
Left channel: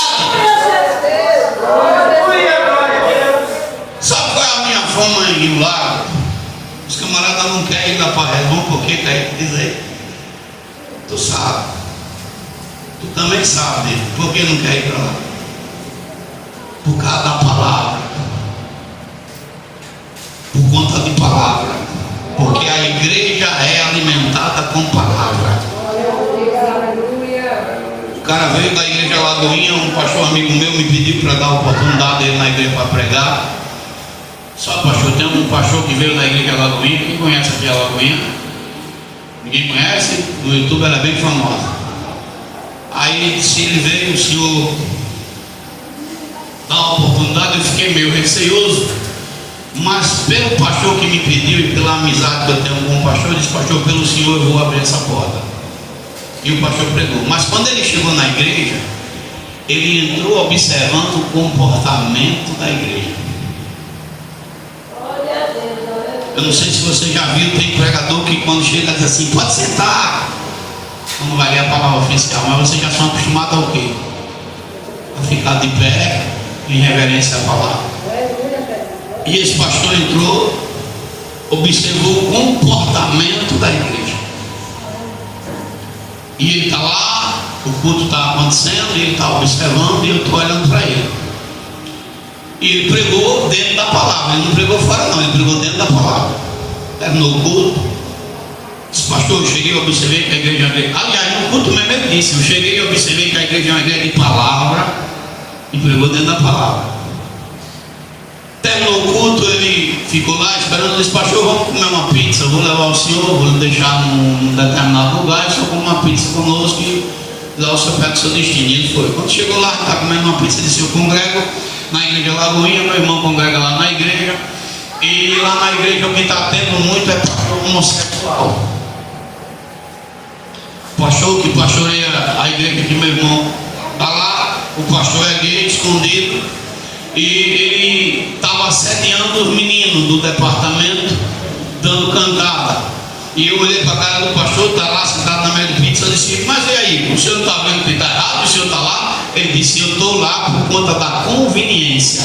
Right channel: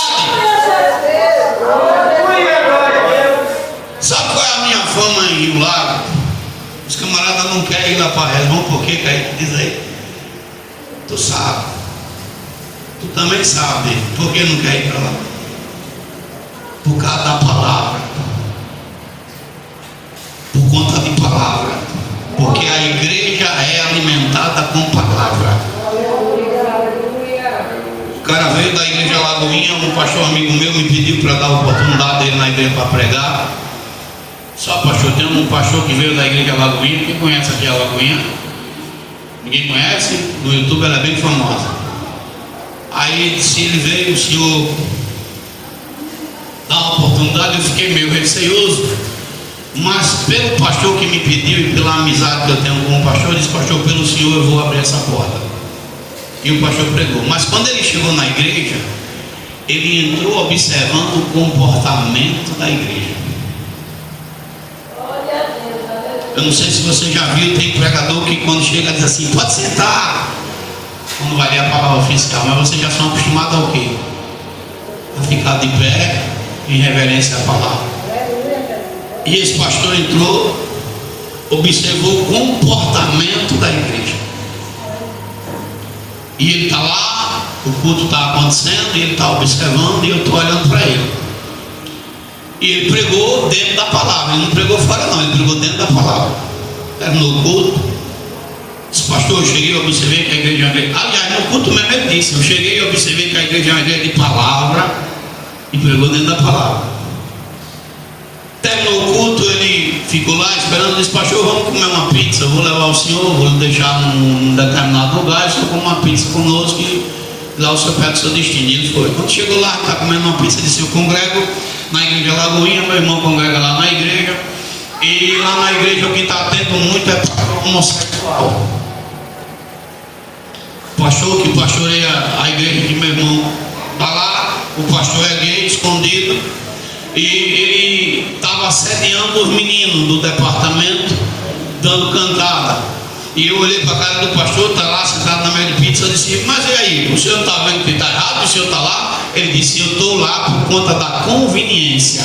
Sabe qual é a minha fama em Rio Lago? Os camaradas não querem ir lá para a Redon, por que quer? Diz aí. Tu sabe. Tu também sabe dele. Por que não quer ir para lá? Por causa da palavra. Por conta de palavra. Porque a igreja é alimentada com palavra. O cara veio da igreja Lagoinha, um pastor amigo meu me pediu para dar a oportunidade dele na igreja para pregar. Só pastor, tem um pastor que veio da igreja Lagoinha. Quem conhece aqui a Lagoinha? Ninguém conhece? No YouTube ela é bem famosa. Aí se ele veio, o senhor dá uma oportunidade, eu fiquei meio receoso, mas pelo pastor que me pediu e pela amizade que eu tenho com o pastor, eu disse: pastor, pelo senhor eu vou abrir essa porta. E o pastor pregou. Mas quando ele chegou na igreja, ele entrou observando o comportamento da igreja. Eu não sei se você já viu, tem pregador que quando chega diz assim: pode sentar. Não vai ler a palavra fiscal, mas vocês já são acostumados ao quê? A ficar de pé em reverência à palavra. E esse pastor entrou observou o comportamento da igreja. E ele está lá, o culto está acontecendo, e ele está observando, e eu estou olhando para ele. E ele pregou dentro da palavra, ele não pregou fora não, ele pregou dentro da palavra. Terminou o culto, disse: pastor, eu cheguei e observei que a igreja é uma igreja. Aliás, no culto mesmo ele disse: eu cheguei e observei que a igreja é uma igreja de palavra, e pregou dentro da palavra. Terminou o culto, ele ficou lá esperando, disse: pastor, vamos comer uma pizza, eu vou levar o senhor, vou lhe deixar num determinado lugar, o senhor come uma pizza conosco e lá o senhor pega o seu destino. E ele foi. Quando chegou lá, está comendo uma pizza, disse: eu congrego na igreja Lagoinha, meu irmão congrega lá na igreja, e lá na igreja o que está tendo muito é pastor homossexual. Pastor que pastoreia a igreja que meu irmão está lá, o pastor é gay, escondido, e ele estava assediando os meninos do departamento, dando cantada. E eu olhei para a cara do pastor, está lá sentado na mesa de pizza, eu disse: mas e aí, o senhor está vendo que está errado, o senhor está lá? Ele disse: eu estou lá por conta da conveniência,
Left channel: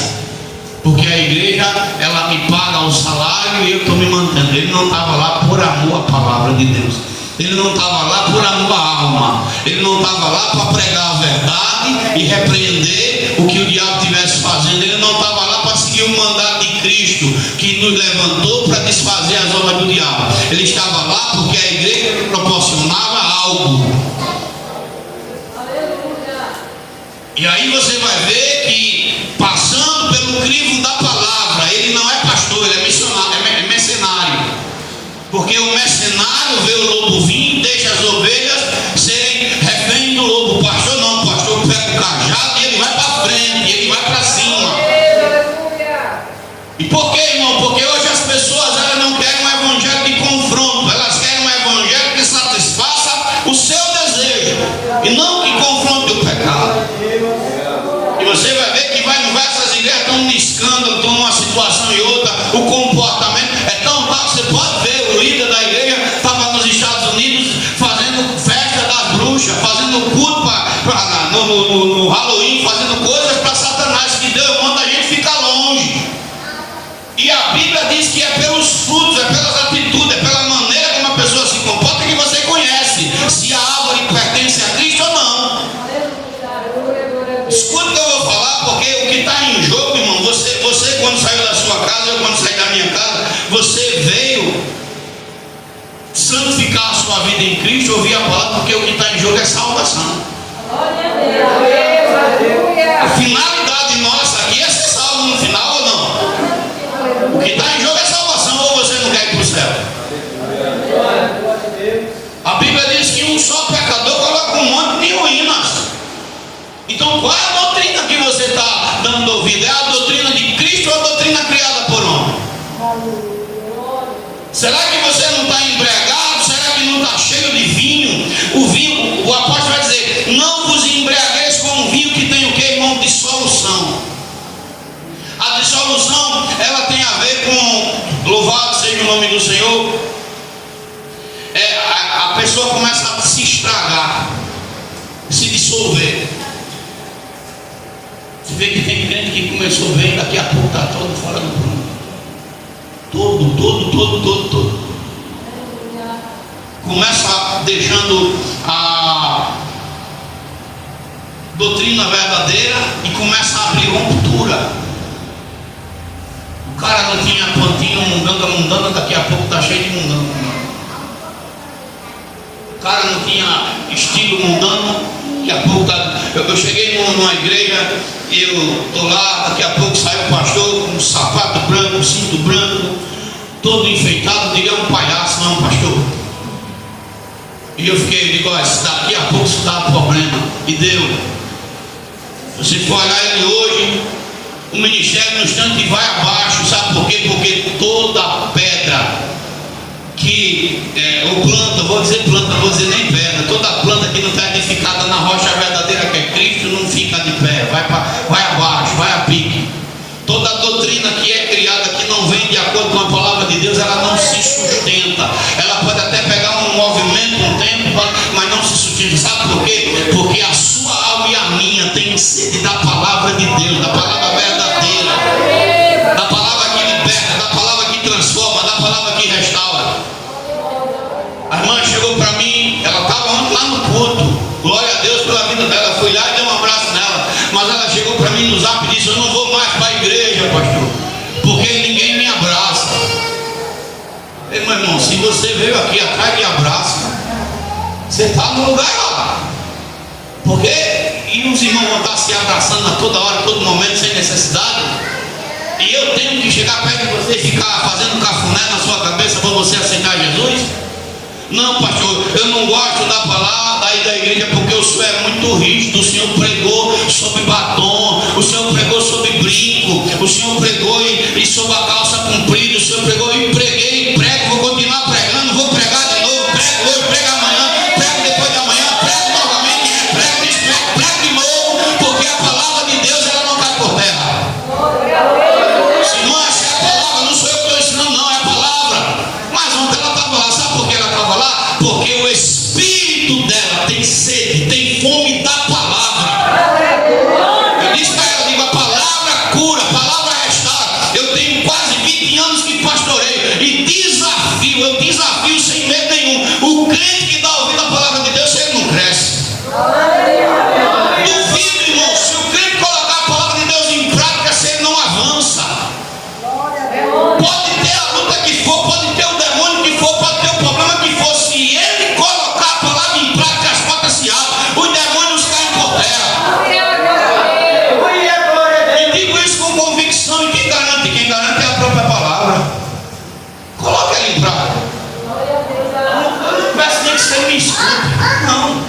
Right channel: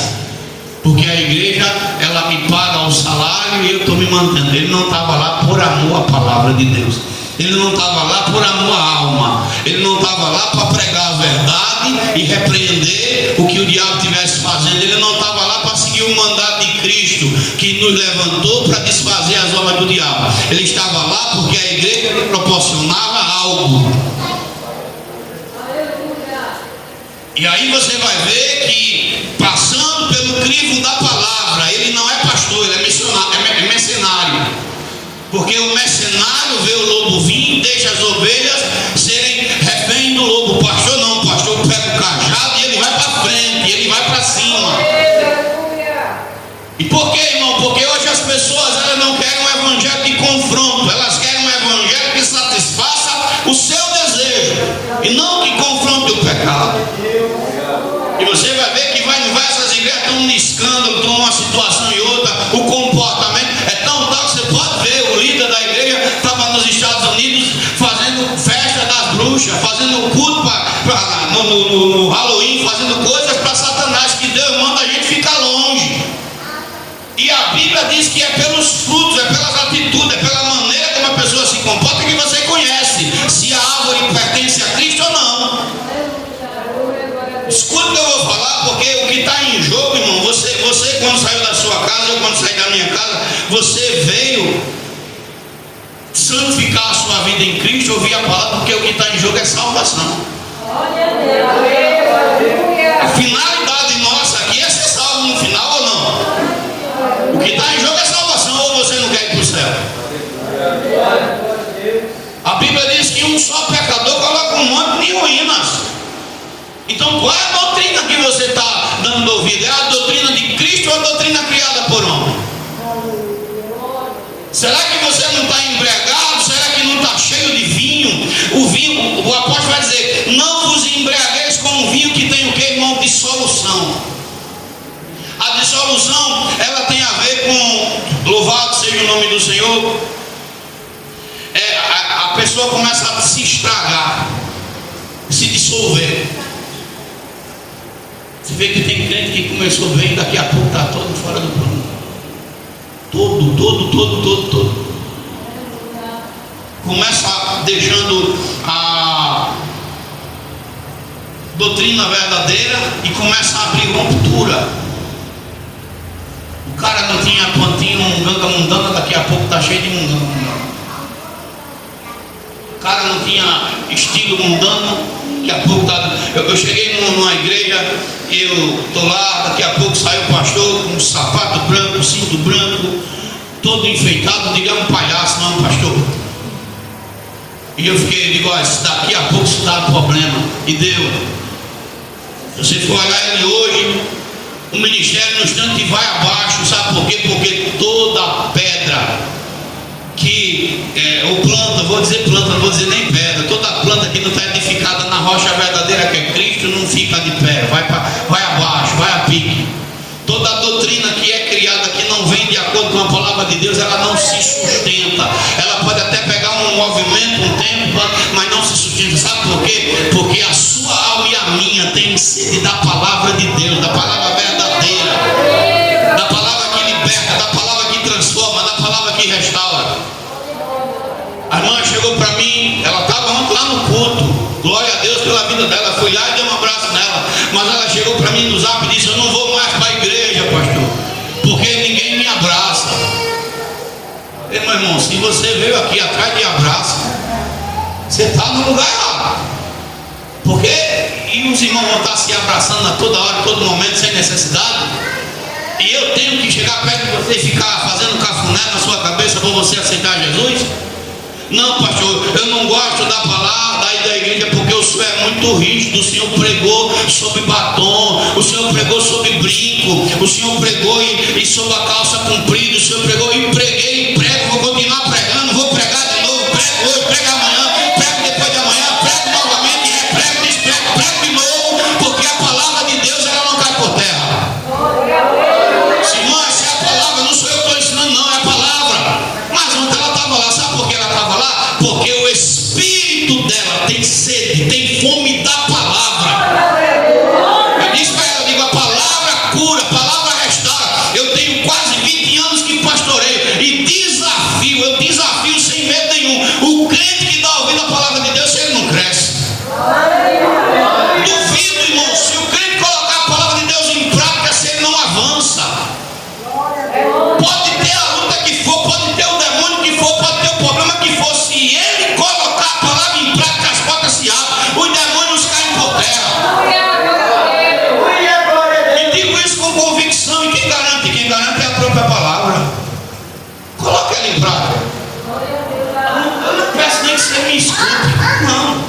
porque a igreja, ela me paga o salário e eu estou me mantendo. Ele não estava lá por amor à palavra de Deus, ele não estava lá por amor à alma, ele não estava lá para pregar a verdade e repreender o que o diabo estivesse fazendo, ele não estava lá para seguir o mandato de Cristo, que nos levantou para desfazer as obras do diabo. Ele estava lá porque a igreja lhe proporcionava algo. E aí você vai ver que, passando pelo crivo da palavra, ele não é pastor, ele é missionário, é mercenário. Porque o mercenário vê o lobo vir, deixa as ovelhas serem refém do lobo. O pastor não, o pastor pega o cajado e ele vai para frente, ele vai para cima. E por que, irmão? Porque hoje as pessoas, elas não querem um evangelho de confronto, elas querem um evangelho que satisfaça o seu desejo e não que confronte o pecado. E você vai ver que vai em diversas igrejas, estão um escândalo, estão uma situação e outra, o comportamento é tão tal que você pode ver, o líder da igreja estava nos Estados Unidos fazendo festa das bruxas, fazendo culto no Halloween, fazendo coisas para Satanás, que Deus manda a gente ficar longe. E a Bíblia diz que é pelos frutos, é pelas atitudes, é pela maneira como a pessoa se comporta que você conhece se a árvore pertence a Cristo ou não. Escuta o que eu vou falar, porque o que está em jogo, irmão, você quando saiu da sua casa, eu quando saí da minha casa, você veio santificar a sua vida em Cristo, ouvir a palavra, porque o que está em jogo é salvação. A finalidade nossa aqui é ser salvo no final ou não? O que está em jogo é salvação, ou você não quer ir para o céu? A Bíblia diz que um só pecador coloca um monte de ruínas. Então qual é a doutrina que você está dando ouvido? É a doutrina de Cristo ou a doutrina criada por homem? Será que você não está embriagado? Será que não está cheio de vinho? O vinho, o apóstolo vai dizer: não vos embriagueis com o vinho que tem o que, irmão? Dissolução. A dissolução, ela tem a ver com, louvado seja o nome do Senhor, a pessoa começa a se estragar, se dissolver. Você vê que tem crente que começou bem, daqui a pouco está todo fora do prumo. Todo. Começa deixando a doutrina verdadeira e começa a abrir ruptura. O cara não tinha plantinho, mundanga, daqui a pouco está cheio de mundanga. O cara não tinha estilo mundano, daqui a pouco está. Eu cheguei numa igreja e eu estou lá, daqui a pouco sai o pastor com um sapato branco, um cinto branco, todo enfeitado, diga um palhaço, não, pastor. E eu digo: daqui a pouco isso dá problema. E deu. Se você for olhar ele hoje, o ministério no instante vai abaixo, sabe por quê? Porque toda pedra que, ou planta, vou dizer planta, não vou dizer nem pedra, toda planta que não está edificada na rocha verdadeira que é Cristo, não fica de pé, vai abaixo, vai a pique. Toda doutrina que é criada, que não vem de acordo com a palavra de Deus, ela não se sustenta. Ela pode até pegar um movimento, um tempo, mas não se sustenta. Sabe por quê? Porque a sua alma e a minha tem sede da palavra de Deus, da palavra verdadeira, da palavra que liberta, da palavra que transforma, da palavra que você veio aqui atrás de abraço, você está no lugar errado. Porque e os irmãos vão estar se abraçando a toda hora, a todo momento, sem necessidade. E eu tenho que chegar perto de você e ficar fazendo cafuné na sua cabeça para você aceitar Jesus? Não, pastor, eu não gosto da palavra aí da igreja porque o senhor é muito rígido. O senhor pregou sobre batom, o senhor pregou sobre brinco, o senhor pregou e sobre a calça comprida, o senhor pregou e preguei e prego, vou continuar pregando, vou pregar de novo, prego hoje, prego amanhã, prego depois da manhã, prego novamente, prego de novo, porque a palavra de Deus ela não cai por terra. Se não achar a palavra, não sou eu que estou ensinando, não, é a palavra. Mas ontem ela estava lá, sabe por que ela estava lá? Porque o espírito dela tem sede, tem fome da palavra. Eu disse para ela, eu digo, a palavra cura, a palavra restaura. Eu tenho quase 20 anos que pastorei e eu desafio sem medo nenhum. O crente que dá ouvido à palavra de Deus, ele não cresce. Duvido, irmão, se o crente colocar a palavra de Deus em prática, se ele não avança. Pode ter a luta que for, pode ter o demônio que for, pode ter o problema que for. Se ele colocar a palavra em prática, as portas se abrem, os demônios caem por terra. E digo isso com convicção. E quem garante? Quem garante é a própria palavra. Coloque ela em prática. Eu não peço nem que você me escute. Não.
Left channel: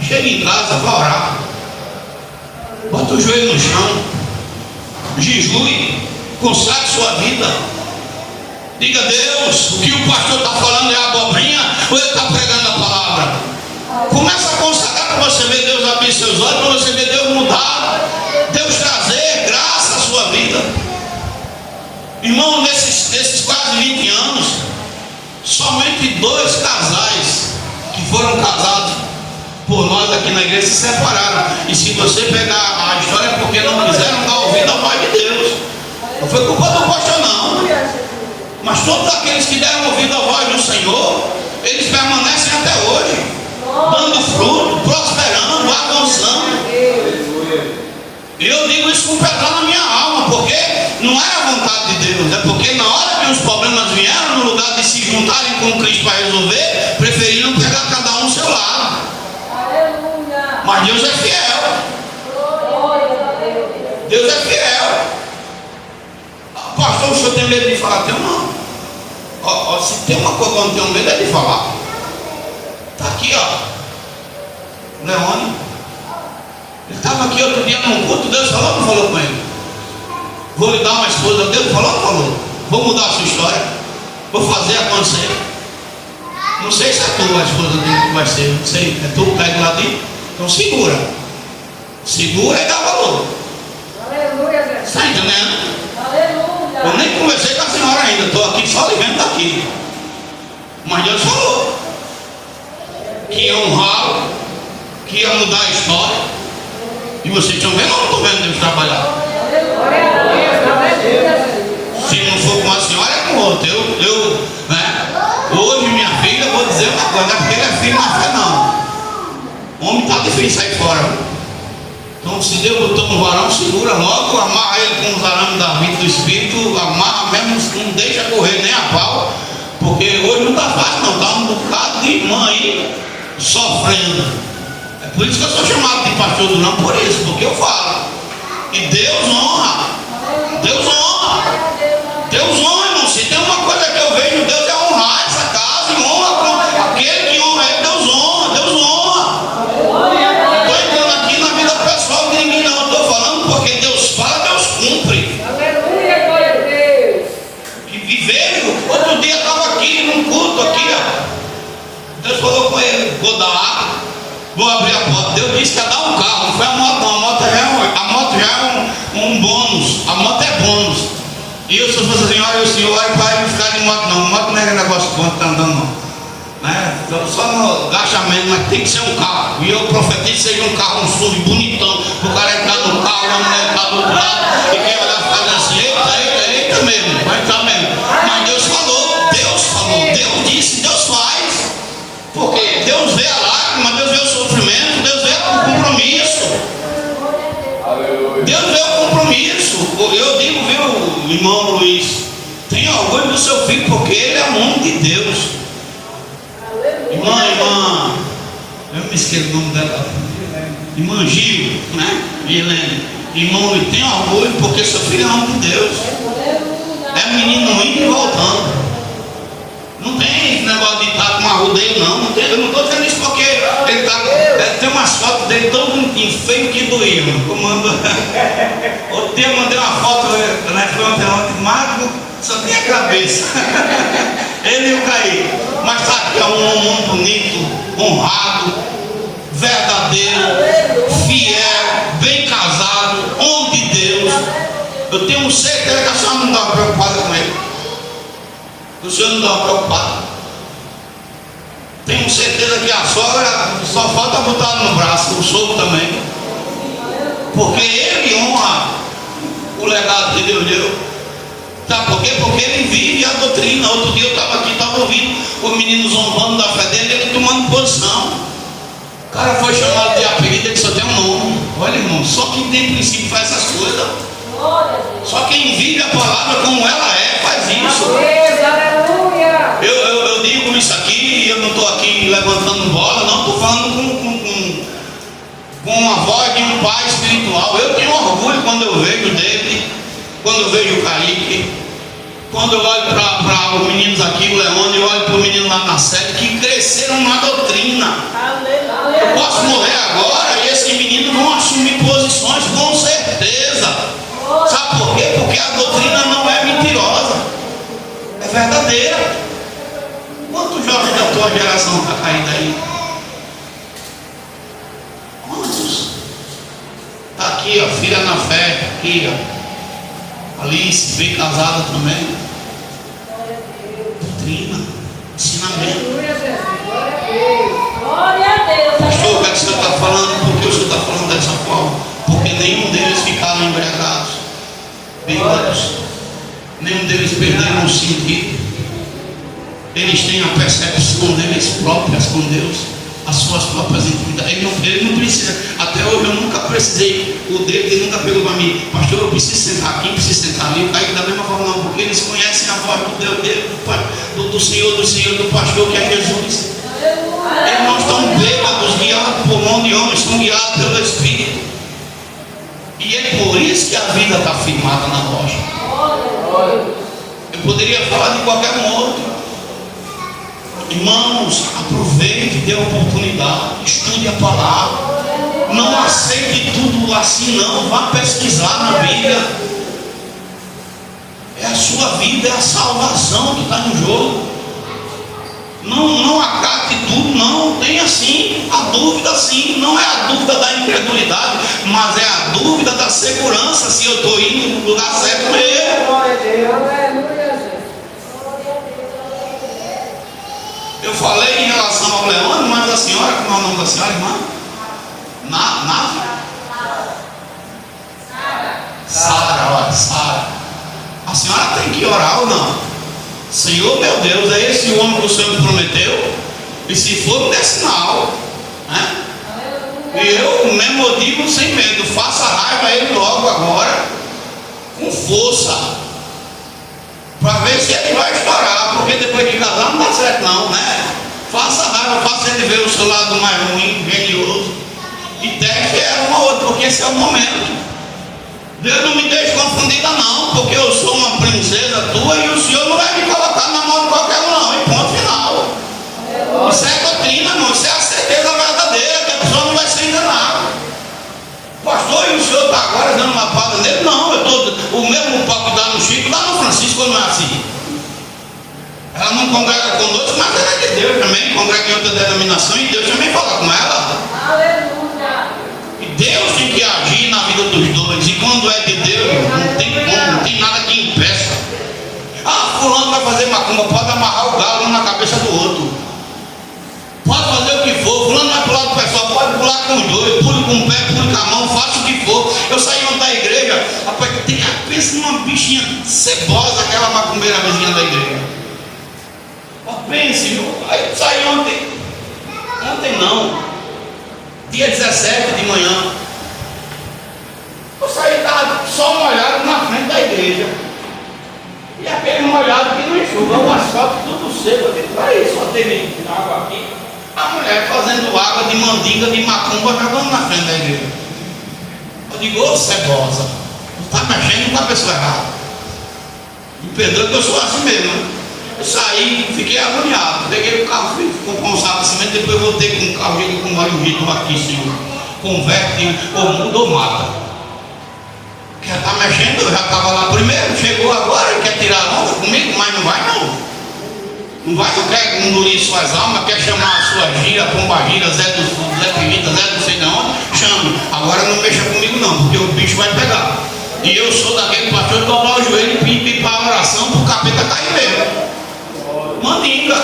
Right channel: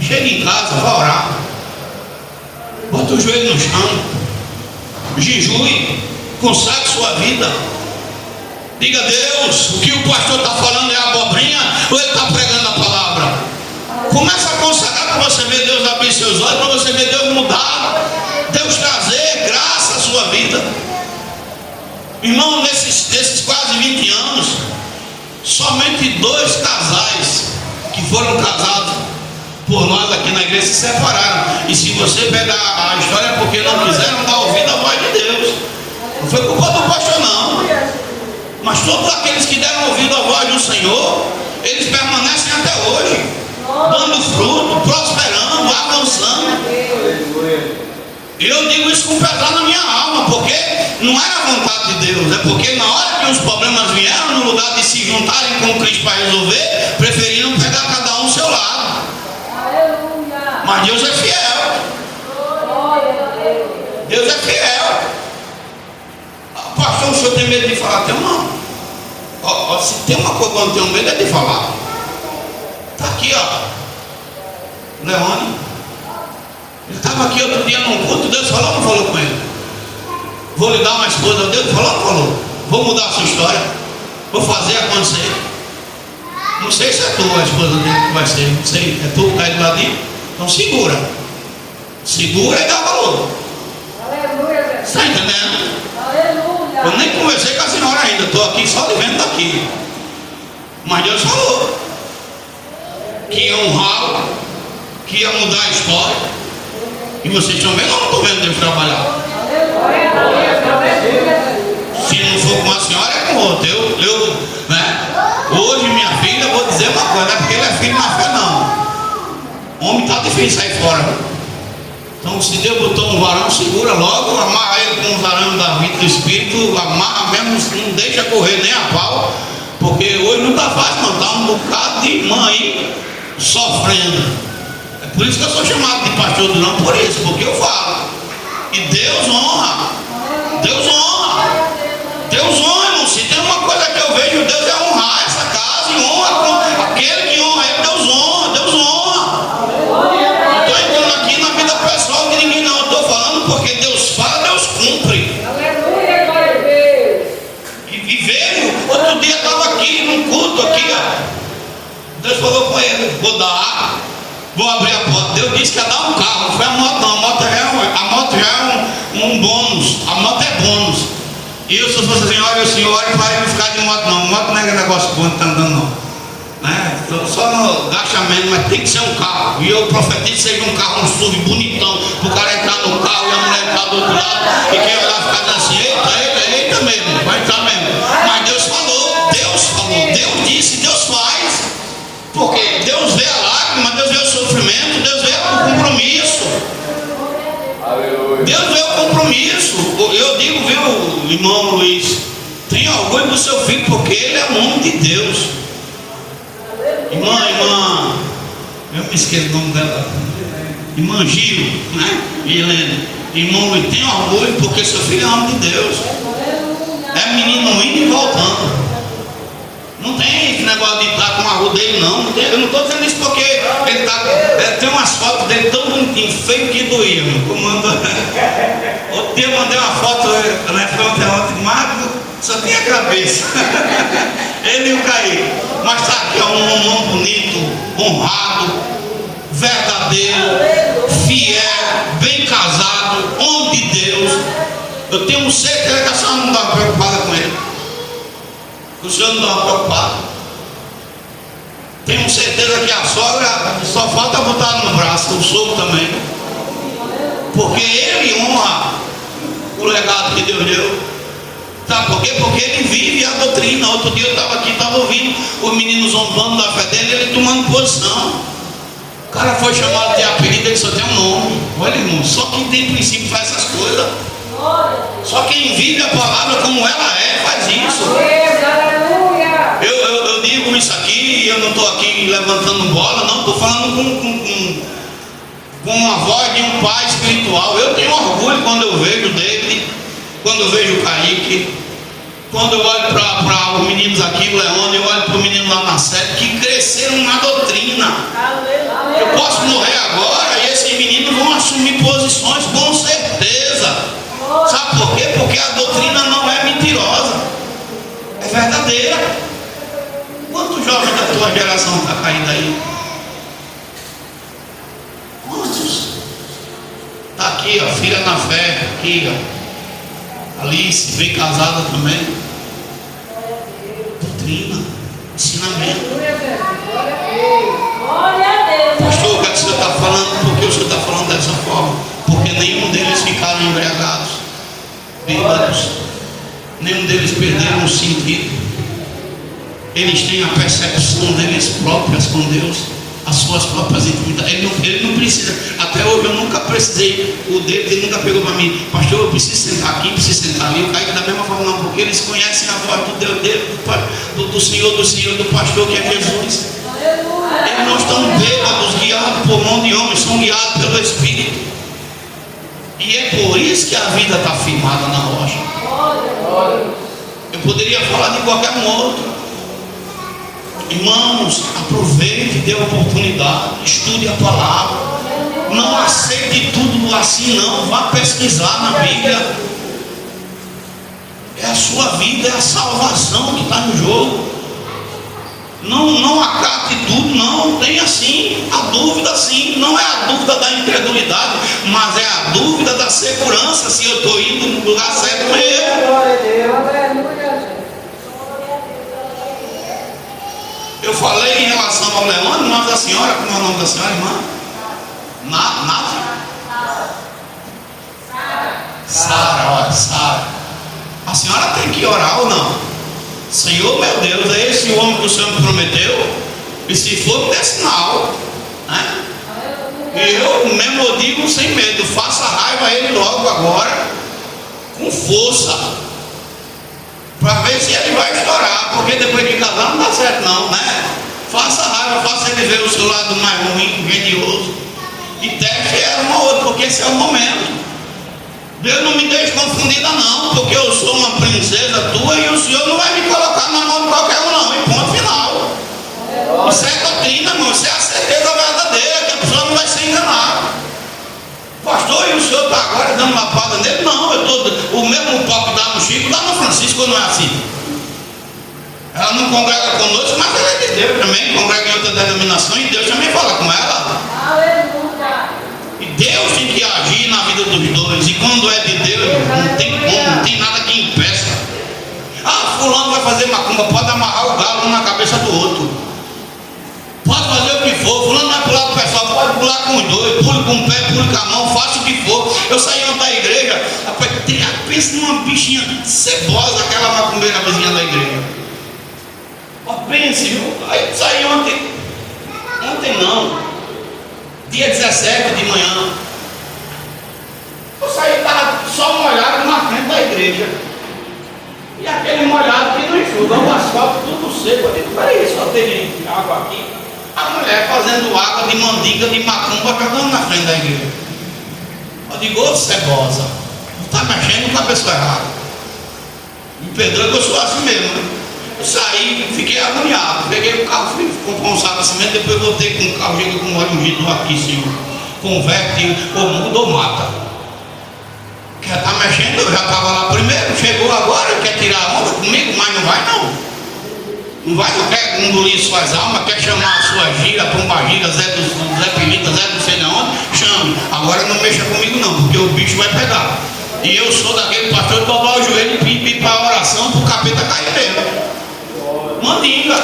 Chegue em casa, vá orar. Bota o joelho no chão. Jejue. Consagre sua vida. Diga a Deus, o que o pastor está falando é abobrinha ou ele está pregando a palavra? Começa a consagrar para você ver Deus abrir seus olhos, para você ver Deus mudar, Deus trazer graça à sua vida. Irmão, nesses quase 20 anos, somente 2 casais que foram casados por nós aqui na igreja se separaram. E se você pegar a história é porque não quiseram dar ouvido à voz de Deus. Não foi culpa do pastor, não. Mas todos aqueles que deram ouvido à voz do Senhor, eles permanecem até hoje, dando fruto, prosperando, avançando. E eu digo isso com pesar na minha alma, porque não era a vontade de Deus, é porque na hora que os problemas vieram, no lugar de se juntarem com Cristo para resolver, preferiram pegar cada um ao seu lado. Mas Deus é fiel. Deus é fiel. Pastor, o senhor tem medo de falar? Tem não. Se tem uma coisa que eu não tenho medo é de falar. Está aqui, ó. Leone. Ele estava aqui outro dia num culto. Deus falou ou não falou com ele? Vou lhe dar uma esposa. Deus falou ou não falou? Vou mudar a sua história. Vou fazer acontecer. Não sei se é tu a esposa dele que vai ser. Não sei. É tu que está aí do ladinho? Então segura. Segura e dá valor. Aleluia, Deus. Está entendendo? Eu nem conversei com a senhora ainda, estou aqui só vivendo daqui. Mas Deus falou que ia honrá-lo, que ia mudar a história. E vocês estão vendo ou não estão vendo Deus trabalhar? Se não for com a senhora, é com outra. Hoje, minha filha, eu vou dizer uma coisa, não é porque ele é filho na fé, não. O homem está difícil sair fora. Então, se Deus botou um varão, segura logo, amarra ele com os arames da vida do Espírito, amarra mesmo, não deixa correr nem a pau, porque hoje não está fácil, não. Está um bocado de irmã aí sofrendo. É por isso que eu sou chamado de pastor Durão, por isso, porque eu falo. E Deus honra. Deus honra. Deus honra, irmão. Se tem uma coisa que eu vejo, Deus é honrar essa casa e honra aquele que honra ele, Deus honra, Deus honra. Pessoal de ninguém não, estou falando porque Deus fala, Deus cumpre. E veio, outro dia estava aqui num culto aqui, ó. Deus falou com ele, vou dar, vou abrir a porta. Deus disse que ia dar um carro, não foi a moto não, a moto já é um bônus, a moto é bônus. E eu se fosse assim, olha o senhor, olha para não ficar de moto não, moto não é negócio bom que está andando não. Né? Só no agachamento, mas tem que ser um carro. E eu profetizo que seja um carro, um SUV bonitão, para o cara entrar no carro e a mulher entrar do outro lado e quem olhar ficar assim, eita mesmo, vai entrar mesmo. Mas Deus falou, Deus disse, Deus faz. Porque Deus vê a lágrima, Deus vê o sofrimento, Deus vê o compromisso. Deus vê o compromisso. Eu digo, viu, irmão Luiz, tenha tenha orgulho do seu filho, porque ele é o homem de Deus. Irmã, eu me esqueci o nome dela. Irmã Gil, né? Helena. Irmão, tenha orgulho, porque seu filho é o homem de Deus. É menino indo e voltando. Não tem esse negócio de estar com a rodeio, não. Eu não estou dizendo isso porque ele tá, tem umas fotos dele tão bonitinho, feio que doía. Outro dia eu mandei uma foto, né? Ontem magro, só tem a cabeça. Ele e o Caí. Mas está aqui, é um homem bonito, honrado, verdadeiro, fiel, bem casado, homem de Deus. Eu tenho certeza que a senhora não estava preocupada com ele. O senhor não estava preocupado. Tenho certeza que a sogra só falta botar no braço, o sogro também. Porque ele honra o legado que Deus deu. Sabe por quê? Porque ele vive a doutrina. Outro dia eu estava aqui, estava ouvindo os meninos zombando da fé dele, ele tomando posição. O cara foi chamado de apelido, ele só tem um nome. Olha, irmão, só quem tem princípio faz essas coisas. Só quem vive a palavra como ela é, faz isso. Eu digo isso aqui, eu não estou aqui levantando bola, não, estou falando com a voz de um pai espiritual. Eu tenho orgulho quando eu vejo o David, quando eu vejo o Kaique, quando eu olho para os meninos aqui, o Leone, eu olho para o menino lá na sede, que cresceram na doutrina. Eu posso morrer agora e esses meninos vão assumir posições, com certeza. Sabe por quê? Porque a doutrina não é mentirosa, é verdadeira. Quantos jovens da tua geração está caindo aí? Quantos? Está aqui, ó, filha na fé, aqui, ó. Alice, bem casada também. Doutrina, ensinamento. Pastor, o que o senhor está falando? Por que o senhor está falando dessa forma? Porque nenhum deles ficaram embriagados, bêbados. Nenhum deles perderam o sentido. Eles têm a percepção deles próprias com Deus, as suas próprias intimidades. Ele não precisa. Até hoje eu nunca precisei. O dedo, ele nunca pegou para mim, pastor, eu preciso sentar aqui, preciso sentar ali. O Kaique da mesma forma não, porque eles conhecem a voz do Deus dele, do Senhor, do pastor, que é Jesus. Eles não estão bêbados, guiados por mão de homens, são guiados pelo Espírito. E é por isso que a vida está firmada na rocha. Eu poderia falar de qualquer modo. Irmãos, aproveite, dê a oportunidade, estude a palavra. Não aceite tudo assim, não. Vá pesquisar na Bíblia. É a sua vida, é a salvação que está no jogo. Não acate tudo, não. Tem assim, a dúvida sim. Não é a dúvida da incredulidade, mas é a dúvida da segurança, se eu estou indo no lugar certo mesmo. Eu falei em relação ao Leone, mas a senhora, como é o nome da senhora, irmã? Sara. A senhora tem que orar ou não? Senhor, meu Deus, é esse o homem que o Senhor me prometeu? E se for, dê sinal, né? E eu mesmo eu digo sem medo, faça raiva a ele logo agora, com força, para ver se ele vai estourar, porque depois de casar não dá certo não, né? Faça raiva, faça ele ver o seu lado mais ruim, genioso, e teste uma ou outra, porque esse é o momento. Deus não me deixe confundida não, porque eu sou uma princesa tua e o Senhor não vai me colocar na mão de qualquer um não, e ponto final. Isso é doutrina, irmão, isso é a certeza verdadeira, que a pessoa não vai ser enganada. Pastor, e o senhor está agora dando lapada nele? Não, eu estou. O mesmo pau que dá no Chico, dá no Francisco, não é assim. Ela não congrega conosco, mas ela é de Deus também, congrega em outra denominação e Deus também fala com ela. Aleluia. E Deus tem que agir na vida dos dois, e quando é de Deus, não tem como, não tem nada que impeça. Ah, fulano vai fazer macumba, pode amarrar o galo um na cabeça do outro. Pode fazer o que for, fulano vai pular com o pessoal, pode pular com os dois, pule com o pé, pule com a mão, faça o que for. Eu saí ontem da igreja, rapaz, pensa numa bichinha cebosa, aquela macumbeira vizinha da igreja. Pense, aí saí ontem não, dia 17 de manhã. Eu saí, estava só molhado na frente da igreja. E aquele molhado enxugando o asfalto tudo seco. Eu digo, peraí, só teve água aqui. A mulher fazendo água de mandinga, de macumba, jogando na frente da igreja. Eu digo, ô cebosa, está mexendo com a pessoa errada. Me perdoa que eu sou assim mesmo, né? Eu saí, fiquei agoniado. Peguei o carro, fui com um saco de cimento, depois voltei com o carro, chega com óleo vidro aqui, senhor. Converte, ou muda ou mata. Quer estar mexendo, eu já estava lá primeiro, chegou agora, quer tirar a onda comigo, mas não vai não. Não vai, não quer engolir suas almas, quer chamar a sua gira, pomba gira, Zé Pimenta, Zé não sei de onde, chame. Agora não mexa comigo não, porque o bicho vai pegar. E eu sou daquele pastor de dobrar o joelho e pedir para a oração para o capeta cair mesmo. Mandinga.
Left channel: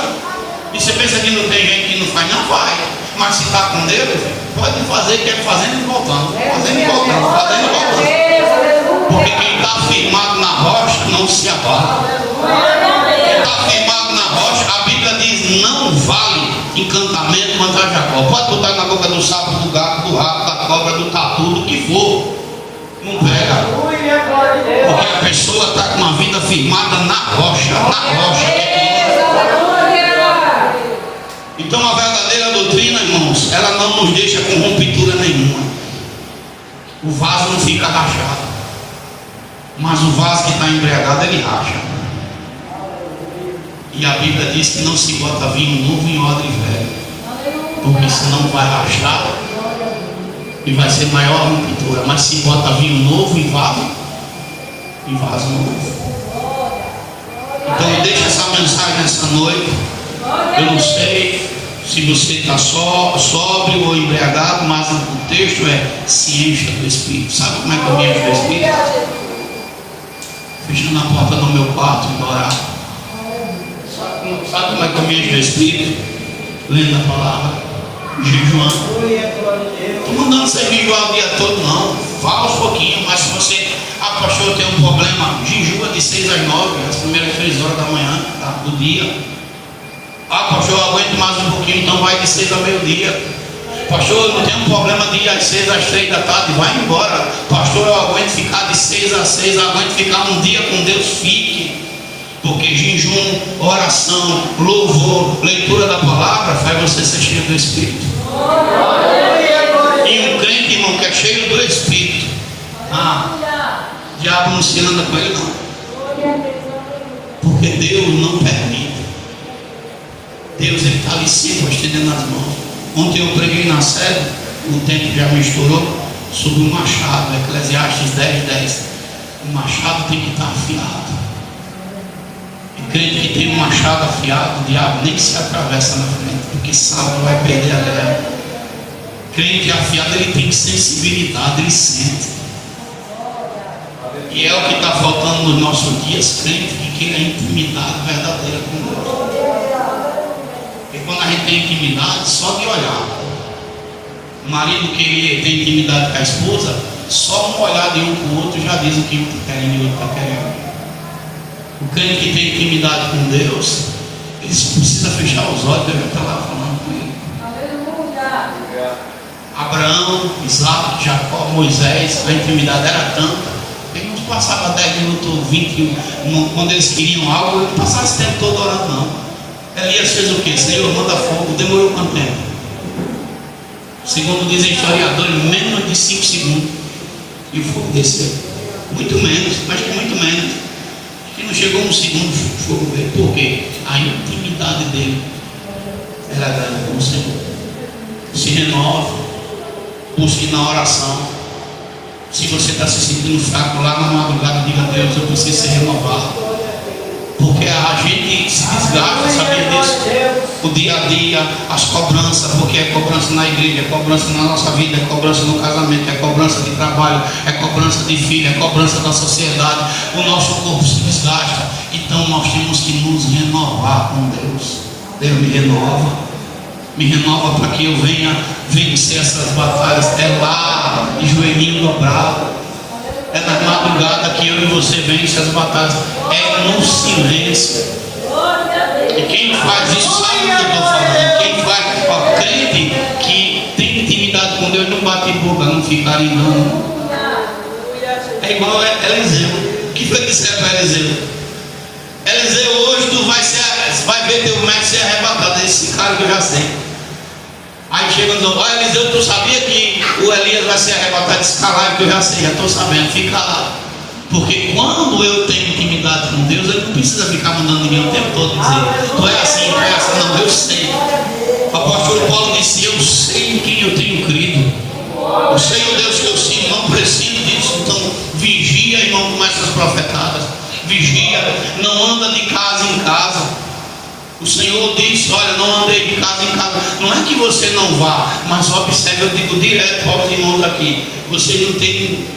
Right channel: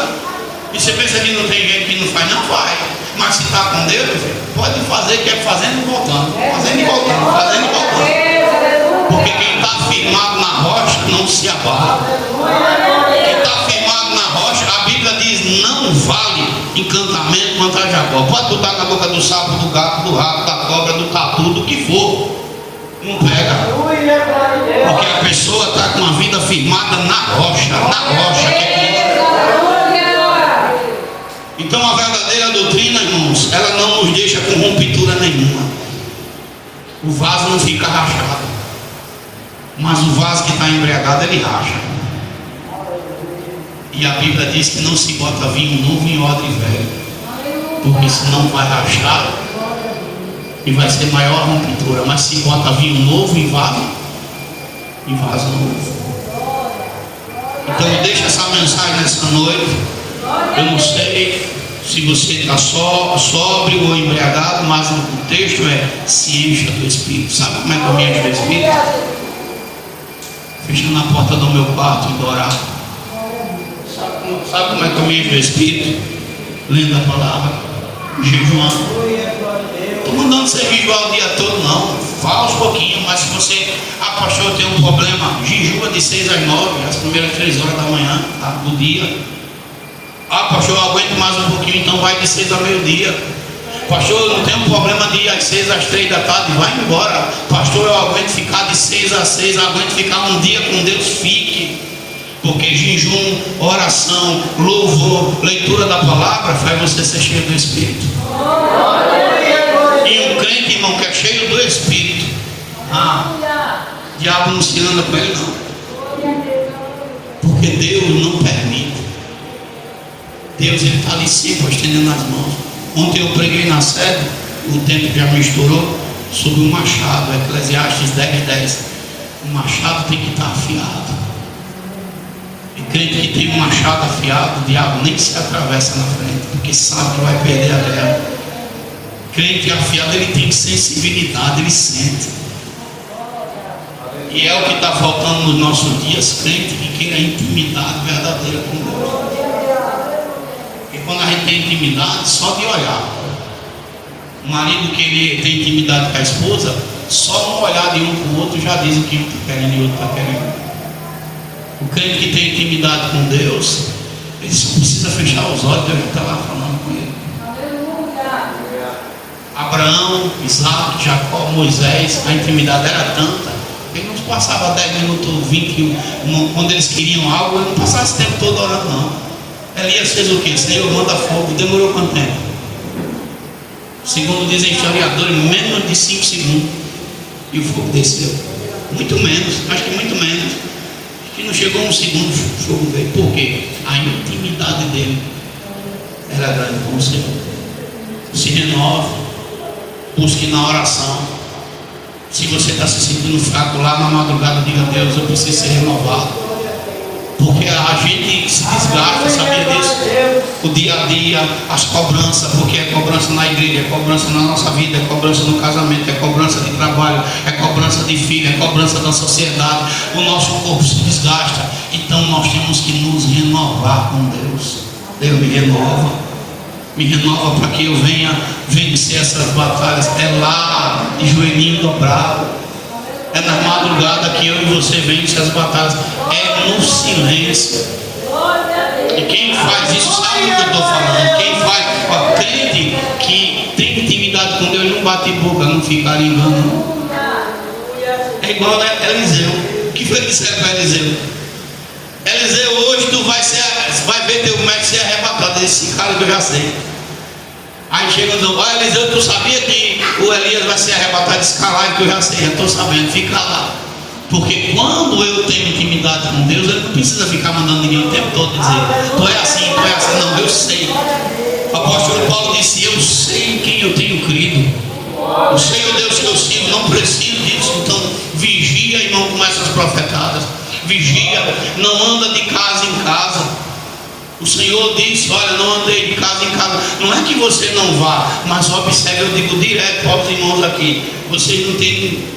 E você pensa que não tem gente que não faz? Não faz. Mas se está com Deus, pode fazer, quer fazendo e voltando. Fazendo e voltando, fazendo e voltando. Porque quem está firmado na rocha não se abala. Quem está firmado na rocha, a Bíblia diz, não vale encantamento contra Jacó. Pode botar na boca do sapo, do gato, do rato, da cobra, do tatu, do que for. Não pega. Porque a pessoa está com a vida firmada na rocha. Na rocha que é. Então a verdadeira doutrina, irmãos, ela não nos deixa com rompitura nenhuma. O vaso não fica rachado. Mas o vaso que está embriagado, ele racha. E a Bíblia diz que não se bota vinho novo em odre velho. Porque senão vai rachar e vai ser maior rompitura. Mas se bota vinho novo em vaso novo. Então deixa essa mensagem nessa noite. Eu não sei se você está sóbrio ou embriagado, mas o texto é: se encha do Espírito. Sabe como é que eu me encho do Espírito? Fechando na porta do meu quarto e orar. Sabe como é que eu me encho do Espírito? Lendo a palavra, jejuando. Estou mandando você jejuar o dia todo, não. Fala aos pouquinhos, mas se você, pastor, eu tenho um problema, jejua de 6 às 9, as primeiras 3 horas da manhã, tá, do dia. Pastor, eu aguento mais um pouquinho, então vai de 6 ao meio-dia. Pastor, eu não tenho problema de ir às 6 às 3 da tarde, vai embora. Pastor, eu aguento ficar de 6 às 6, eu aguento ficar um dia com Deus, fique. Porque jejum, oração, louvor, leitura da palavra faz você ser cheio do Espírito. E um crente, irmão, que é cheio do Espírito, diabo não se anda com ele não. Porque Deus não permite. Deus está ali sempre estendendo as mãos. Ontem eu preguei na sede, o tempo já misturou, sobre o machado, Eclesiastes 10:10. O machado tem que estar afiado. E crente que tem um machado afiado, o diabo nem se atravessa na frente, porque sabe que vai perder a guerra. Crente afiado, ele tem sensibilidade, ele sente. E é o que está faltando nos nossos dias, crente que queira intimidade verdadeira com Deus. Porque quando a gente tem intimidade, só de olhar. O marido que tem intimidade com a esposa, só um olhar de um para o outro já diz o que está querendo e o outro está querendo. O crente que tem intimidade com Deus, ele só precisa fechar os olhos, Deus está lá falando com ele. Abraão, Isaac, Jacó, Moisés, a intimidade era tanta, ele não passava 10 minutos, 20, quando eles queriam algo, ele não passava esse tempo todo orando, não. Elias fez o que? Senhor, manda fogo. Demorou quanto tempo? Segundo dizem historiadores, menos de 5 segundos. E o fogo desceu. Muito menos, acho que muito menos. Acho que não chegou um segundo o fogo veio. Por quê? A intimidade dele era grande com o Senhor. Se renove, busque na oração. Se você está se sentindo fraco lá na madrugada, diga a Deus, eu preciso ser renovado. Porque a gente se desgasta, sabia disso? O dia a dia, as cobranças, porque é cobrança na igreja, é cobrança na nossa vida, é cobrança no casamento, é cobrança de trabalho, é cobrança de filho, é cobrança da sociedade. O nosso corpo se desgasta. Então nós temos que nos renovar com Deus. Deus me renova. Me renova para que eu venha vencer essas batalhas. É lá, de joelhinho dobrado. É na madrugada que eu e você vence as batalhas. É no silêncio. E quem faz isso sabe do que eu estou falando. Quem faz, crente que tem intimidade com Deus, não bate boca, não fica engano. É igual a Eliseu. O que foi que disseram para Eliseu? Eliseu, hoje tu vai ver teu médico ser arrebatado. Esse cara que eu já sei. Aí chega e diz: olha, Eliseu, tu sabia que o Elias vai ser arrebatado? Esse cara que eu já sei, já estou sabendo, fica lá. Porque quando eu tenho intimidade com Deus, ele não precisa ficar mandando ninguém o tempo todo dizer: tu é assim, tu é assim. Não, eu sei. O apóstolo Paulo disse: eu sei em quem eu tenho crido, eu sei o Deus que eu sigo, não preciso disso. Então vigia e não começa as profetadas. Vigia, não anda de casa em casa. O Senhor disse: olha, não andei de casa em casa. Não é que você não vá, mas observe, eu digo direto para os irmãos aqui: vocês não têm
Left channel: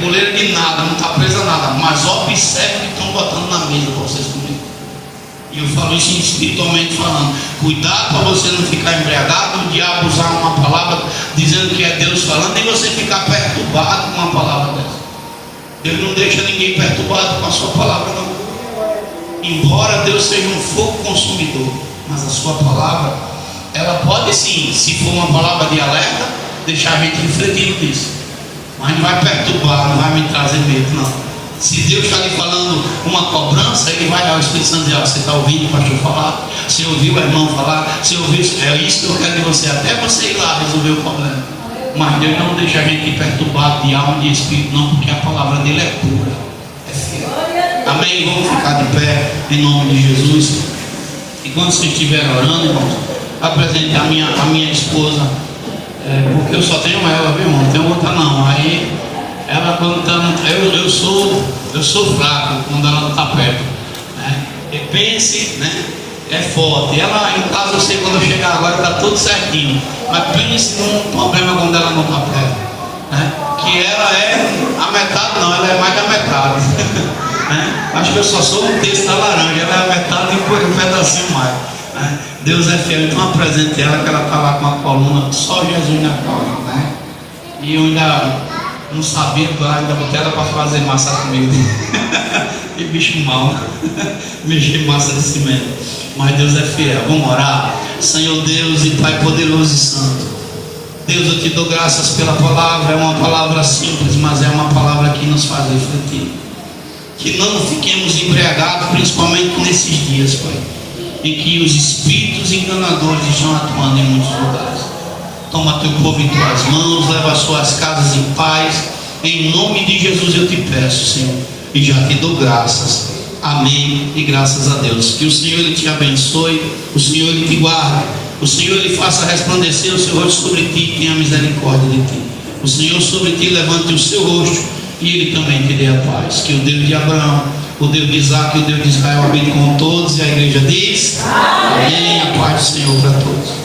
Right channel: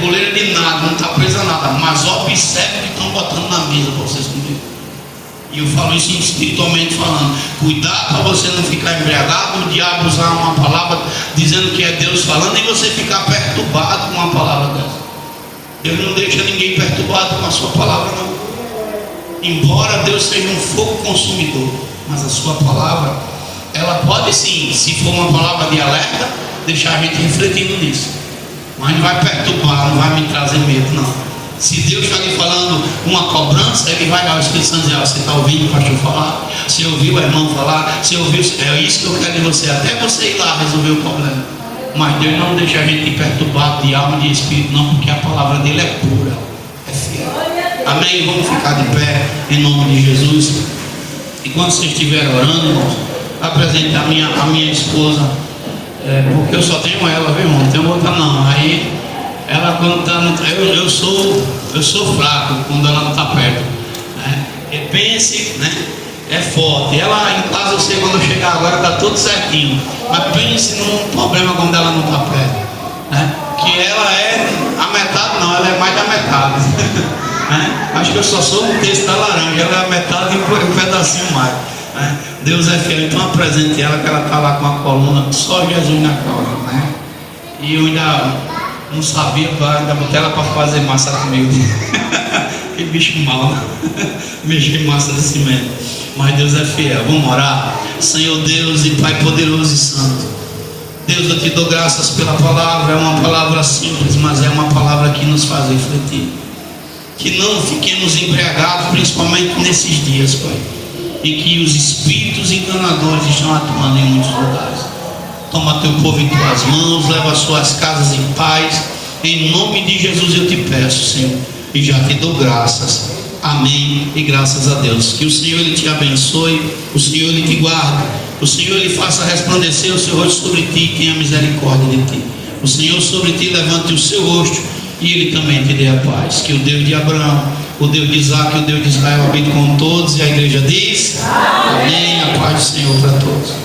coleira de nada, não está presa a nada, mas observe o que estão botando na mesa para vocês comerem. E eu falo isso espiritualmente falando. Cuidado para você não ficar embriagado, o diabo usar uma palavra dizendo que é Deus falando e você ficar perturbado com uma palavra dessa. Deus não deixa ninguém perturbado com a sua palavra, não. Embora Deus seja um fogo consumidor, mas a sua palavra, ela pode sim, se for uma palavra de alerta, deixar a gente refletindo nisso, mas não vai perturbar, não vai me trazer medo, não. Se Deus está lhe falando uma cobrança, Ele vai dar o Espírito Santo e dizer: você está ouvindo o pastor falar? Você ouviu o irmão falar? Você ouviu? É isso que eu quero de você, até você ir lá resolver o problema. Mas Deus não deixa a gente perturbado de alma e de espírito, não, porque a palavra dele é pura, é fiel. Amém? Vamos ficar de pé em nome de Jesus. E quando vocês estiverem orando, irmãos, apresente a minha esposa, porque eu só tenho ela, viu, irmão? Não tenho outra não. Aí ela, quando está, eu sou fraco quando ela não está perto, né? Pense, né? É forte. Ela em casa, eu sei, quando eu chegar agora está tudo certinho, mas pense num problema quando ela não está perto, né? Que ela é a metade, não, ela é mais da metade. Né? Acho que eu só sou um terço da laranja, ela é a metade e um pedacinho mais, né? Deus é fiel. Então apresente ela, que ela está lá com a coluna, só Jesus na causa, né? E eu ainda não sabia, ainda botei ela para fazer massa comigo. Que bicho mau, mexer em massa de cimento. Mas Deus é fiel. Vamos orar. Senhor Deus e Pai poderoso e santo, Deus, eu te dou graças pela palavra. É uma palavra simples, mas é uma palavra que nos faz refletir. Que não fiquemos embriagados, principalmente nesses dias, Pai, em que os espíritos enganadores estão atuando em muitos lugares. Toma teu povo em tuas mãos, leva as suas casas em paz. Em nome de Jesus eu te peço, Senhor, e já te dou graças. Amém e graças a Deus. Que o Senhor Ele te abençoe, o Senhor Ele te guarde, o Senhor Ele faça resplandecer o seu rosto sobre ti e tenha misericórdia de ti. O Senhor sobre ti levante o seu rosto e Ele também te dê a paz. Que o Deus de Abraão, o Deus de Isaac e o Deus de Israel habite com todos. E a igreja diz: amém. A paz do Senhor para todos.